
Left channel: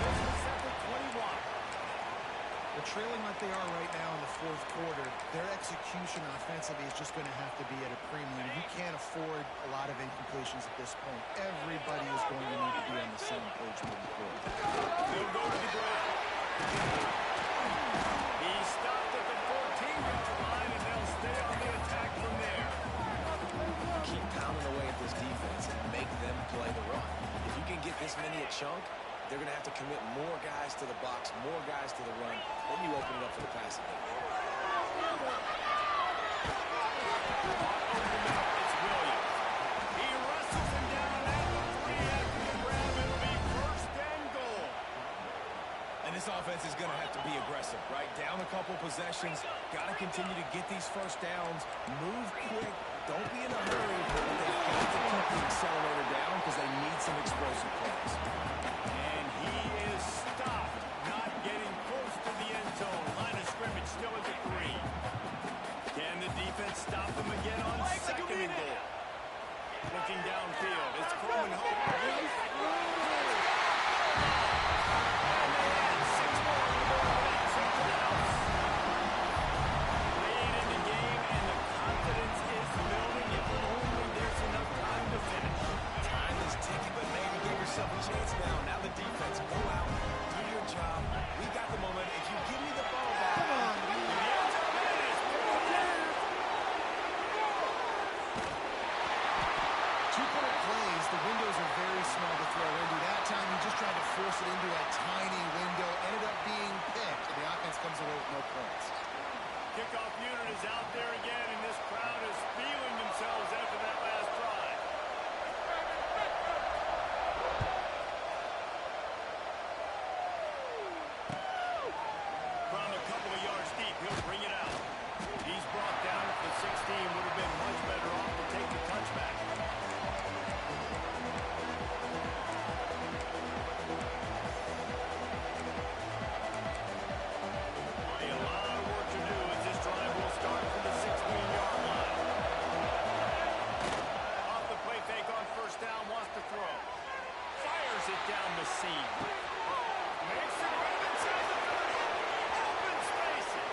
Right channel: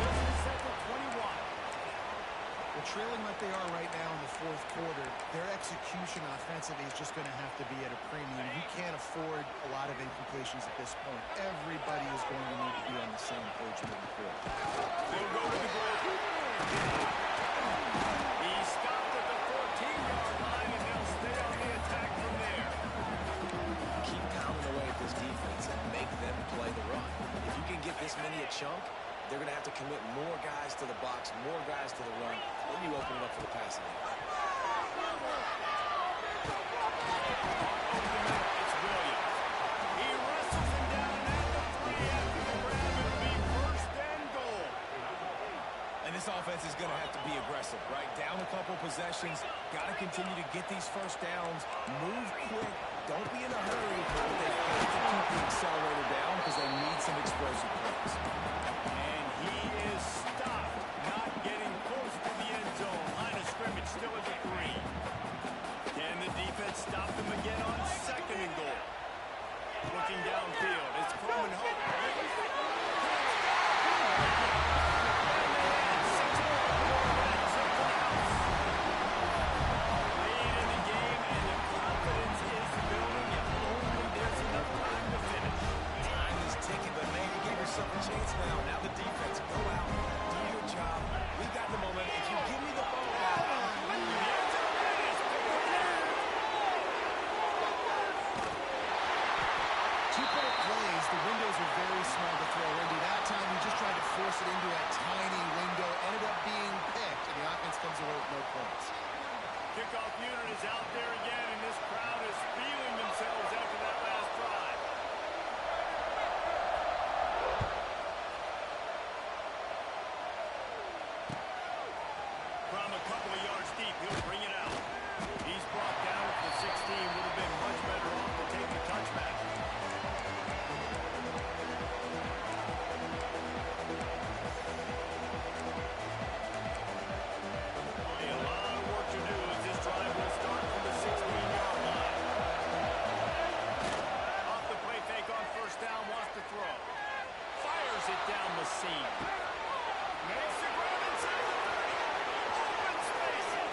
Business at the 21. Well, trailing like they are right now in the 4th quarter, their execution offensively is just going to have to be at a premium. You can't afford a lot of incompletions at this point. Everybody is going to need to be on the same page moving forward. They'll go to the ground. He stopped at the 14-yard line, and they'll stay on the attack from there. Keep pounding away at this defense and make them play the run. If you can get this many a chunk, they're going to have to commit more guys to the box, more guys to the run. Then you open it up for the passing game. It's Williams. He wrestles him down at the 3 after the grab. It'll be 1st and goal. And this offense is going to have to be aggressive, right? Down a couple possessions. Got to continue to get these first downs. Move quick. Don't be in a hurry. But they've got to keep the accelerator down because they need some explosive plays. And he is stopped, not getting close to the end zone. Line of scrimmage still at the 3. Can the defense stop them again on 2nd and goal? Looking downfield, it's Coleman Hope. And they had 6 more before that took the house. Late in the game, and the confidence is building. If only there's enough time to finish. Time is ticking, but man, you gave yourself a chance now. Now the defense, go out, do your job. We got the moment. If you give me the ball back, The end zone is picked up. 2-point plays, the windows are very small to throw into. That time, he just tried to force it into a tiny window, ended up being picked, and the offense comes away with no points. Kickoff unit is out there again, and this crowd is feeling themselves after that last drive. From a couple of yards deep, he'll bring it out. He's brought down at the 16. Would have been much better off to take the touchback. A lot of work to do as this drive will start from the 16-yard line. Off the play fake on 1st down, wants to throw. Fires it down the seam. Makes the grab inside the 30. Open spaces.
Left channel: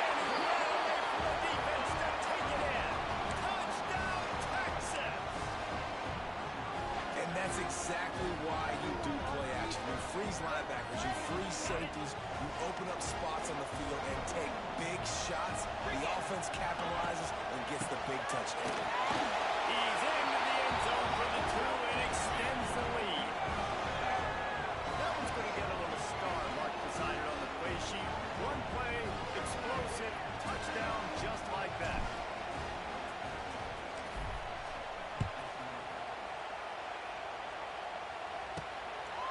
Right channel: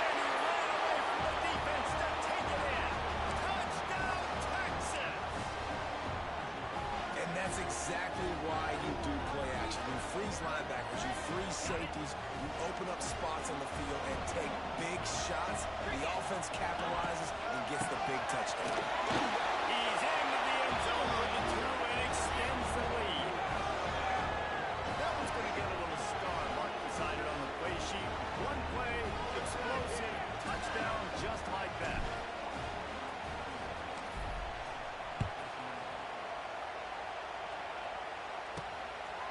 And he ran away from the defense to take it in. Touchdown, Texas! and that's exactly why you do play action. action. You freeze linebackers, you freeze safeties, you open up spots on the field and take big shots. The offense capitalizes and gets the big touchdown. He's into the end zone for the 2 and extends the lead. That one's going to get a little star mark beside it on the play sheet. One play, explosive, touchdown just like that.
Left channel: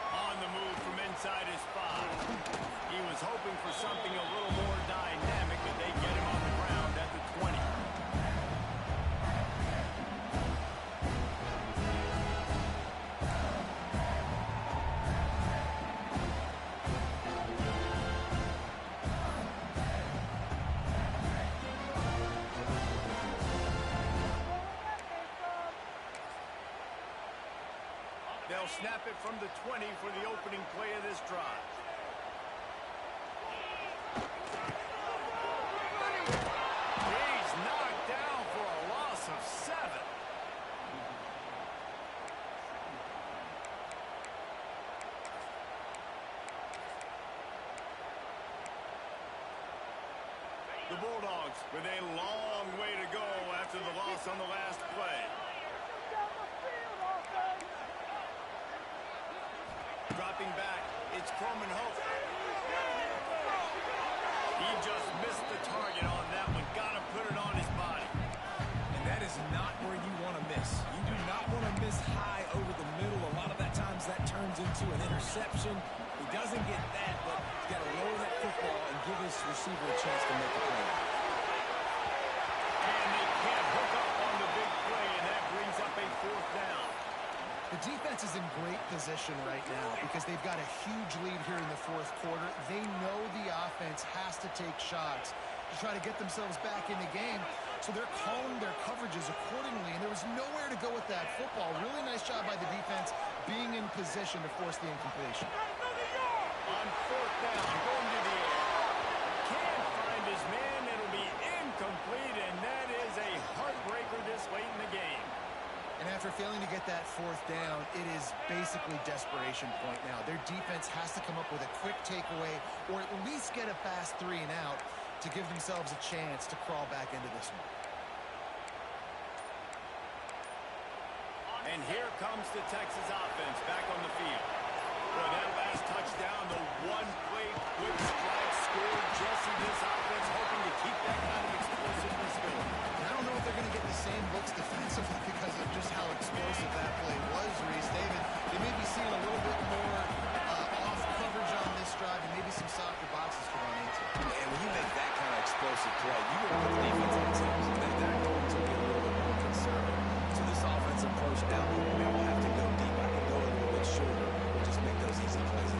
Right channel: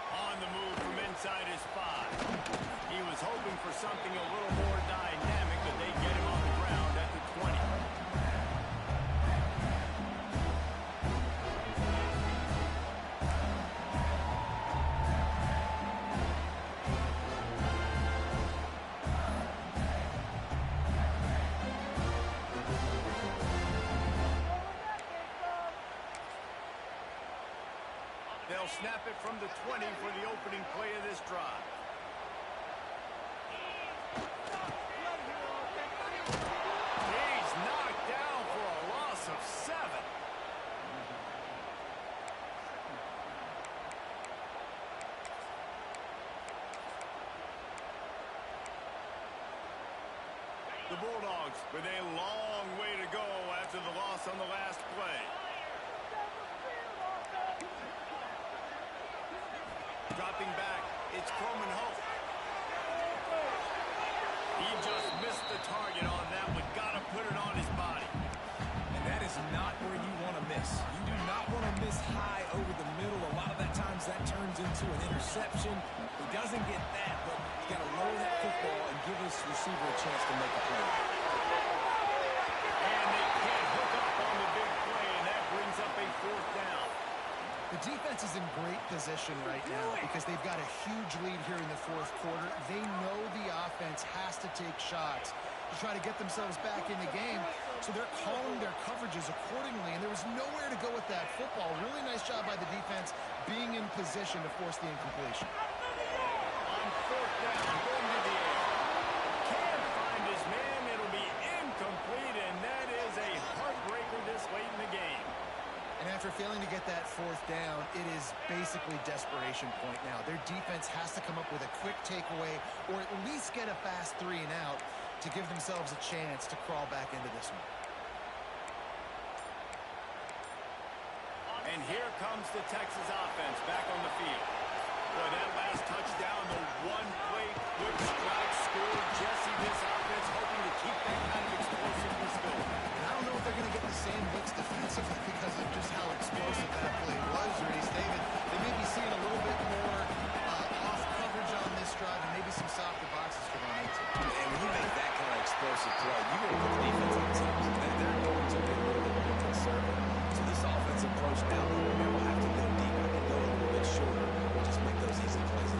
On the move from inside his 5. He was hoping for something a little more dynamic, but they get him on the ground at the 20. They'll snap it from the 20 for the opening play of this drive. He's knocked down for a loss of 7. The Bulldogs with a long way to go after the loss on the last play. Dropping back, it's Coleman Hope. He just missed the target on that one. Got to put it on his body. And that is not where you want to miss. You do not want to miss high over the middle. A lot of that times that turns into an interception. He doesn't get that, but he's got to lower that football and give his receiver a chance to make a play. And they can't hook up on the big play, and that brings up a 4th down. The defense is in great position right now because they've got a huge lead here in the 4th quarter. They know the offense has to take shots to try to get themselves back in the game, so they're calling their coverages accordingly, and there was nowhere to go with that football. Really nice job by the defense being in position to force the incompletion. On 4th down, going to the air. Can't find his man. It'll be incomplete, and that is a heartbreaker this late in the game. And after failing to get that 4th down, it is basically desperation point now. Their defense has to come up with a quick takeaway or at least get a fast 3 and out to give themselves a chance to crawl back into this one. And here comes the Texas offense back on the field. Boy, that last touchdown, the one-play quick strike scored. Jesse, this offense hoping to keep that kind of explosiveness going. And I don't know if they're going to get the same looks defensively because of just how explosive that play was, Reese. David, they may be seeing a little bit more off coverage on this drive and maybe some softer boxes to run into. And when you make that kind of explosive play, you're going to put the defense on teams. They're going to be a little bit more conservative. So this offensive approach now, maybe I won't have to go deep. I can go a little bit shorter and just make those easy plays.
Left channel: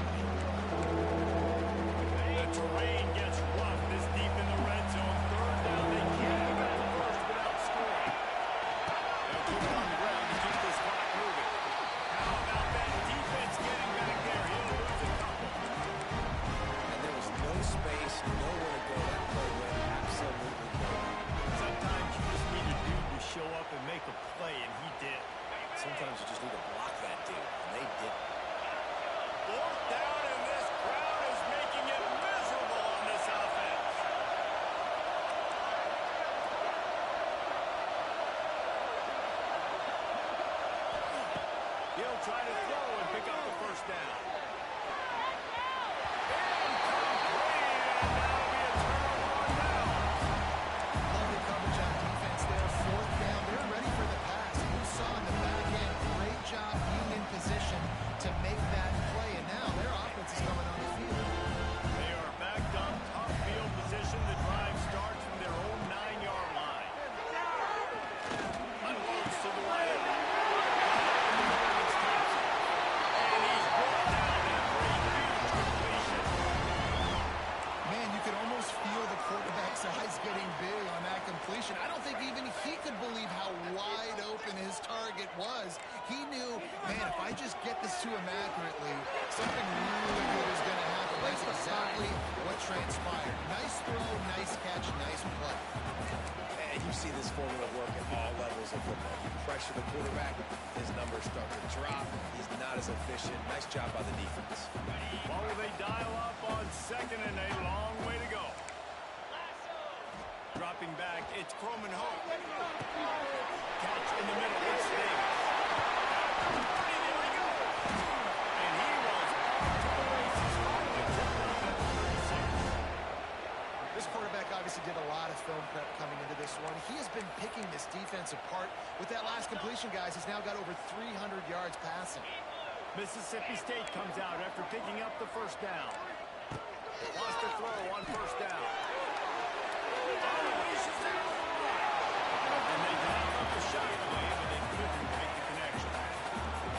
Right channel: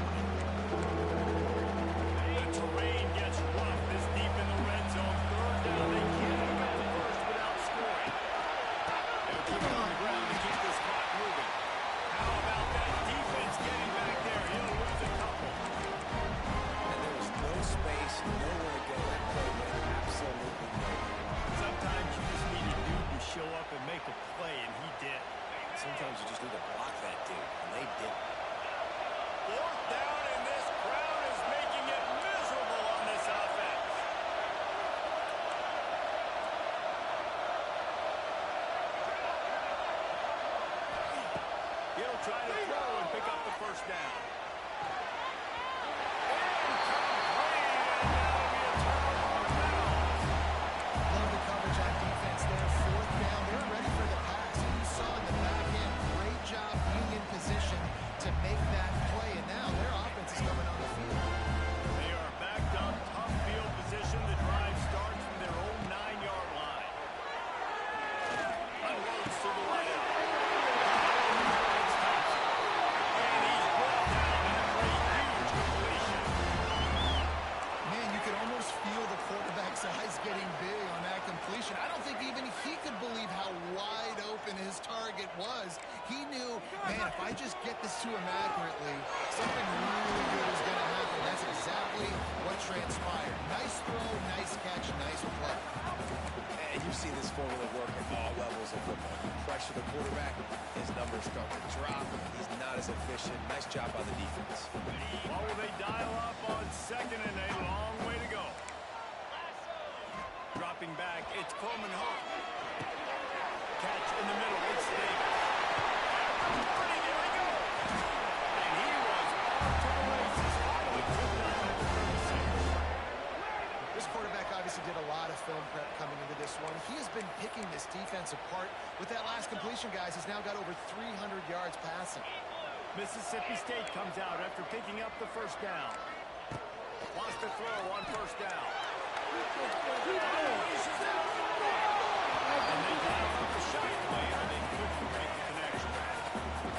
The terrain gets rough this deep in the red zone. 3rd down, they can't pick up the first without scoring. They'll keep it on the ground to keep this clock moving. How about that defense getting back there? He'll lose a couple. And there was no space, nowhere to go. That play went absolutely nowhere. Sometimes you just need a dude to show up and make a play, and he did. Sometimes you just need to block that dude, and they didn't. 4th down, and this crowd is making it miserable on this offense. He'll try to throw and pick up the 1st down. Incomplete, and that'll be a turnover on downs. Love the coverage on defense there. 4th down, they're ready for the pass. And you saw in the back end, great job being in position to make that play. And now their offense is coming on the field. They are backed up, tough field position. The drive starts from their own 9-yard line. Unloads to the right. And he's brought down after a huge completion. Man, you can almost feel the quarterback's eyes getting big on that completion. I don't think even he could believe how wide open his target was. He knew, man, if I just get this to him accurately, something really good is going to happen. That's exactly what transpired. Nice throw, nice catch, nice play. And you see this formula work at all levels of football. You pressure the quarterback, his numbers start to drop. He's not as efficient. Nice job by the defense. What will they dial up on second and a long way to go? Dropping back, it's Coleman Hope. Catch in the middle, it's Davis. At the 40, there he goes. And he was off to the races. Finally tipped up at the 36. This quarterback obviously did a lot of film prep coming into this one. He has been picking this defense apart. With that last completion, guys, he's now got over 300 yards passing. Mississippi State comes out after picking up the first down. Wants to throw on first down. And they dialed up the shot play, but they couldn't make the connection.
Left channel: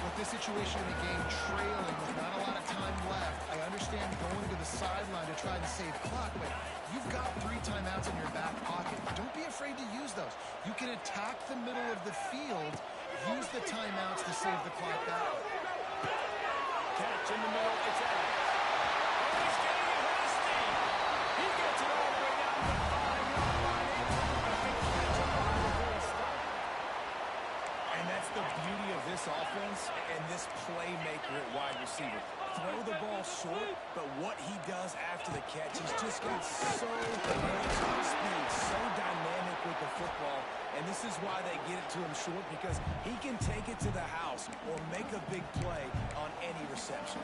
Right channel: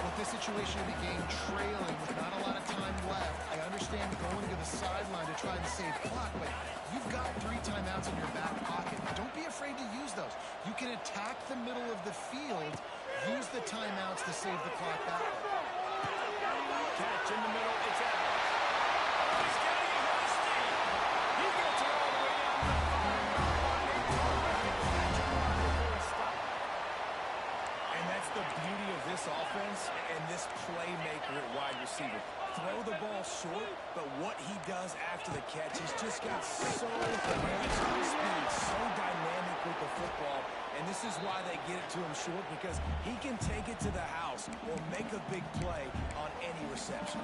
With this situation in the game, trailing with not a lot of time left, I understand going to the sideline to try and save clock, but you've got 3 timeouts in your back pocket. Don't be afraid to use those. You can attack the middle of the field, use the timeouts to save the clock that way. Catch in the middle, it's Evans. Oh, he's getting ahead of steam. He gets it all the way down to the 5-yard line. A terrific catch and run before he stopped. And that's the beauty of this offense and this playmaker at wide receiver. Throw the ball short, but what he does after the catch, he's just got so much speed, so dynamic with the football, and this is why they get it to him short, because he can take it to the house or make a big play on any reception.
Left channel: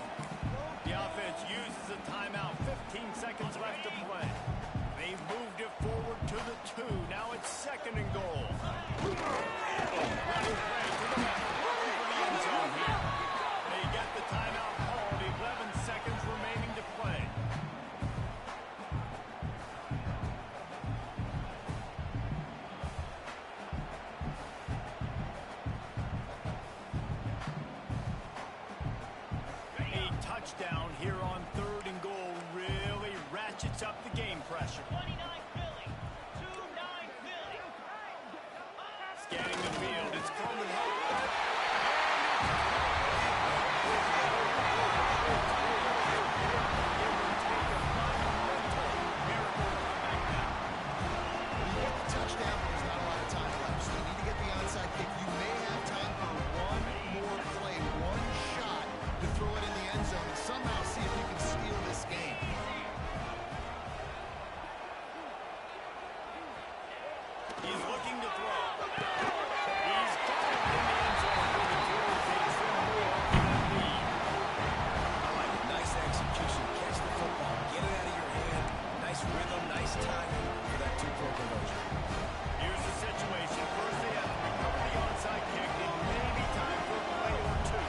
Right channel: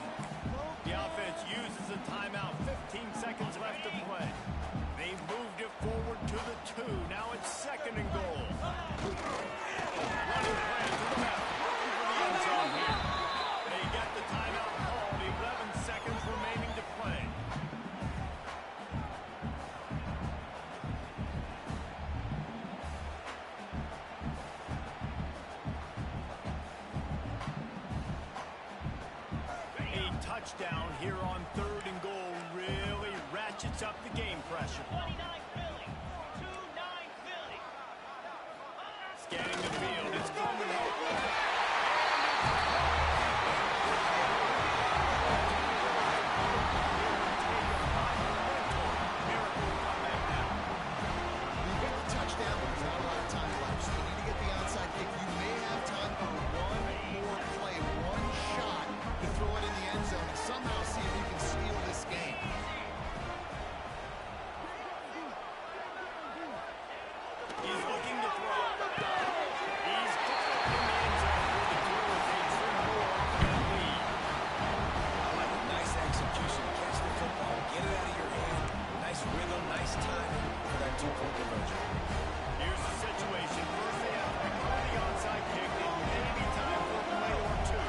The offense uses a timeout. 15 seconds left to play. They've moved it forward to the 2. Now it's second and goal. Running play to the left. Looking for the end zone here. They get the timeout called. 11 seconds remaining to play. A touchdown here on third and goal really ratchets up the game pressure. 29 Philly, 2-9 Philly. Scanning the field, it's Coleman Hope. Touchdown, but there's not a lot of time left. So you need to get the onside kick. You may have time for one more play, one shot to throw it in the end zone and somehow see if you can steal this game. He's looking to throw. He's got it in the end zone for the two as they trim more off of that lead. I like it. Nice execution. Catch the football. Get it out of your hand. Nice rhythm, nice timing for that 2-point conversion. Here's the situation. First they have to recover the onside kick. It may be time for a play or two.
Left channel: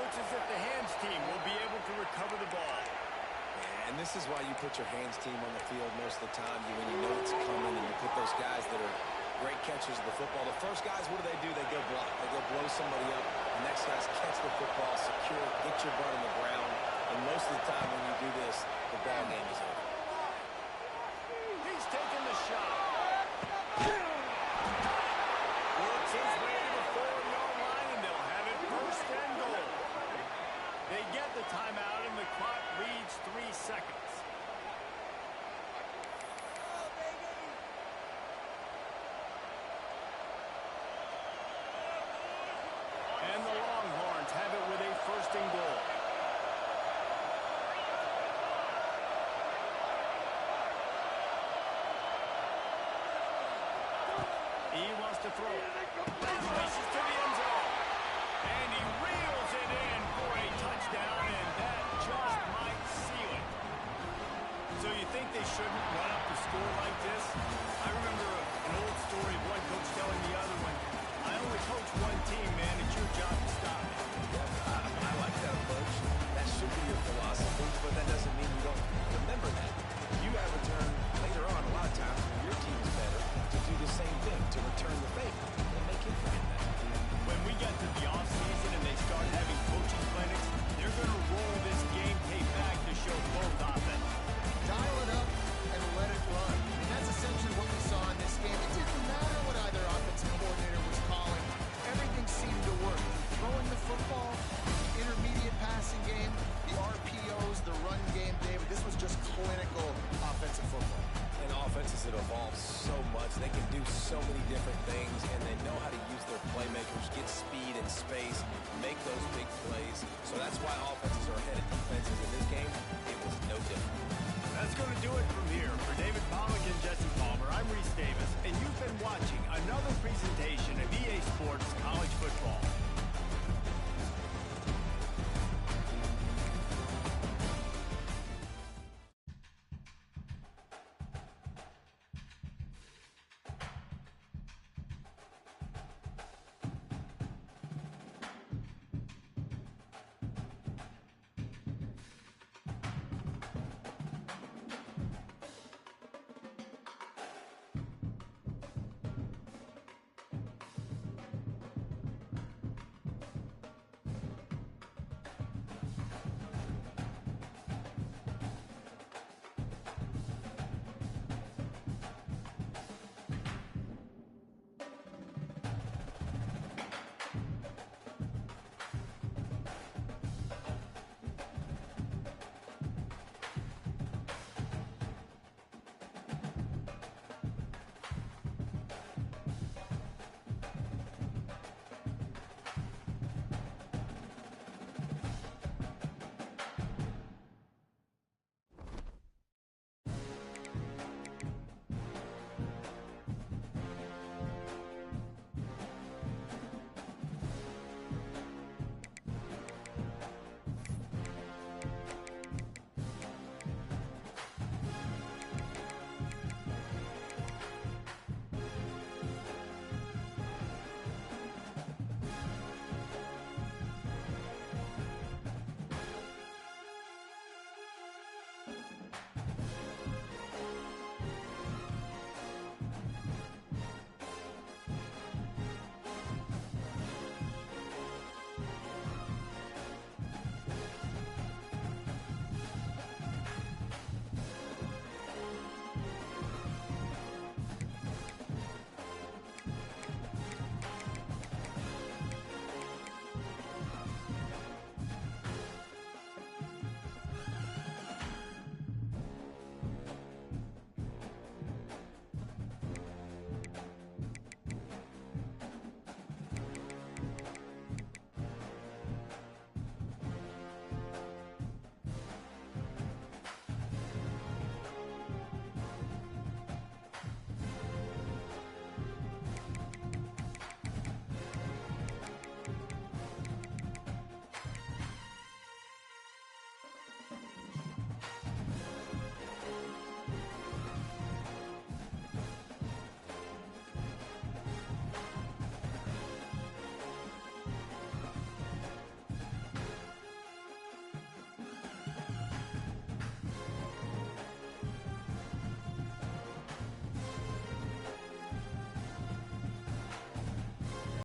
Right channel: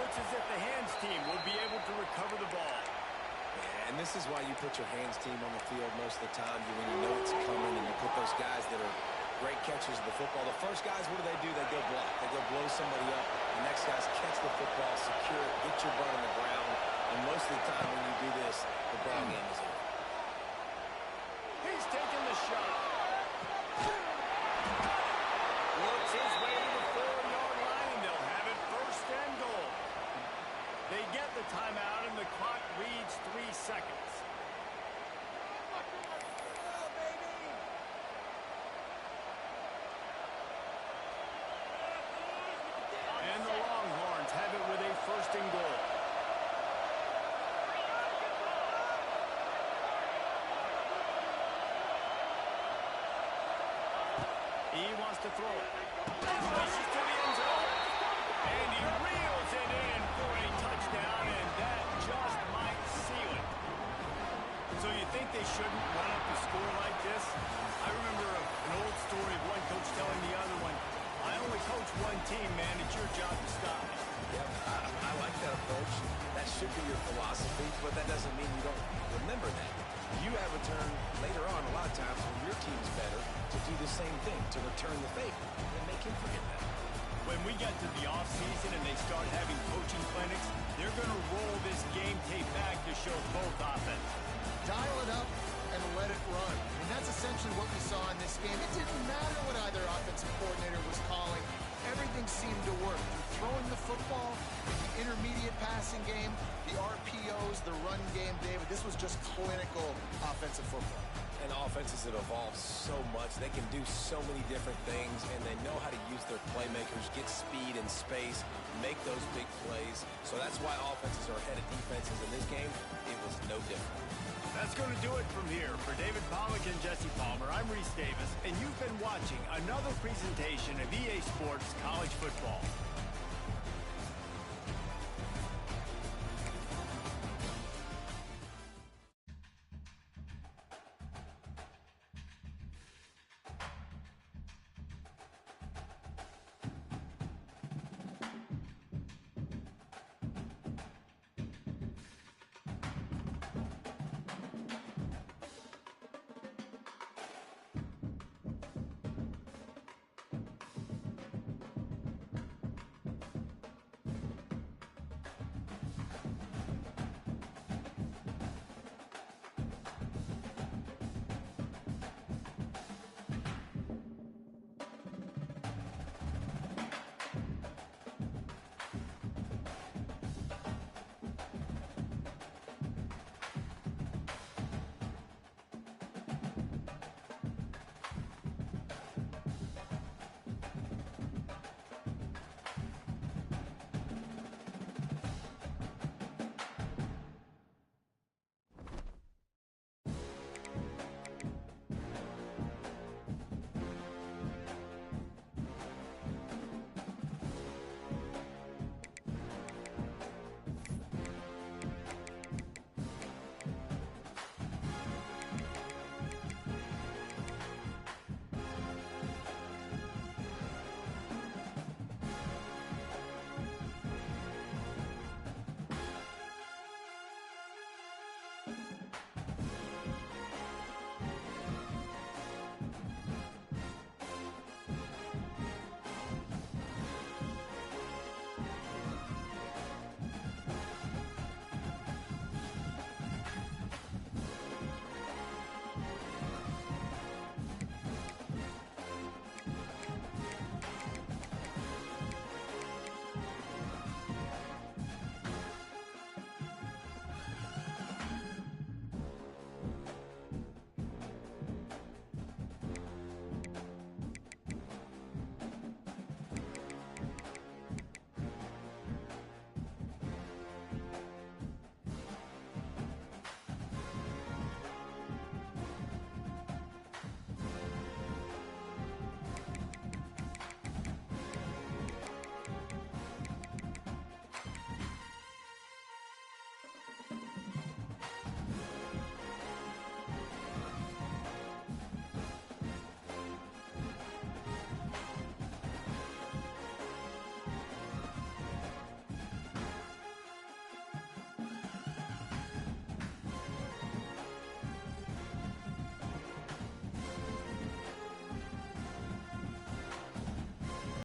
Looks as if the hands team will be able to recover the ball. Yeah, and this is why you put your hands team on the field most of the time. When you know it's coming and you put those guys that are great catchers of the football. The first guys, what do? They go block. They go blow somebody up. The next guys catch the football, secure it, get your butt on the ground. And most of the time when you do this, the ball game is over. He's taking the shot. Works his way to the 4-yard line, and they'll have it first and goal. They get the timeout, and the clock reads 3 seconds. And the Longhorns have it with a first and goal. He wants to throw it. Pushes to the end zone. And he reels it in for a touchdown, and that just might seal it. So you think they shouldn't run up the score like this? I remember an old story of one coach telling the other one, I only coach one team, man. It's your job to stop me. Yep, I like that approach. That should be your philosophy, but that doesn't mean you don't remember that. You have a turn later on, a lot of times, when your team's better, to do the same thing, to return the favor, and make him forget that. When we get to the offseason and they start having coaching clinics, they're going to roll this game tape back to show both offense. Dial it up and let it run. I mean, that's essentially what we saw in this game. It didn't matter what either offensive coordinator was calling. Everything seemed to work. Throwing the passing game, the RPOs, the run game, David. This was just clinical offensive football. And offenses have evolved so much. They can do so many different things, and they know how to use their playmakers, get speed and space, make those big plays. So that's why offenses are ahead of defenses in this game. It was no different. That's going to do it from here. For David Pollack and Jesse Palmer, I'm Reese Davis, and you've been watching another presentation of EA Sports College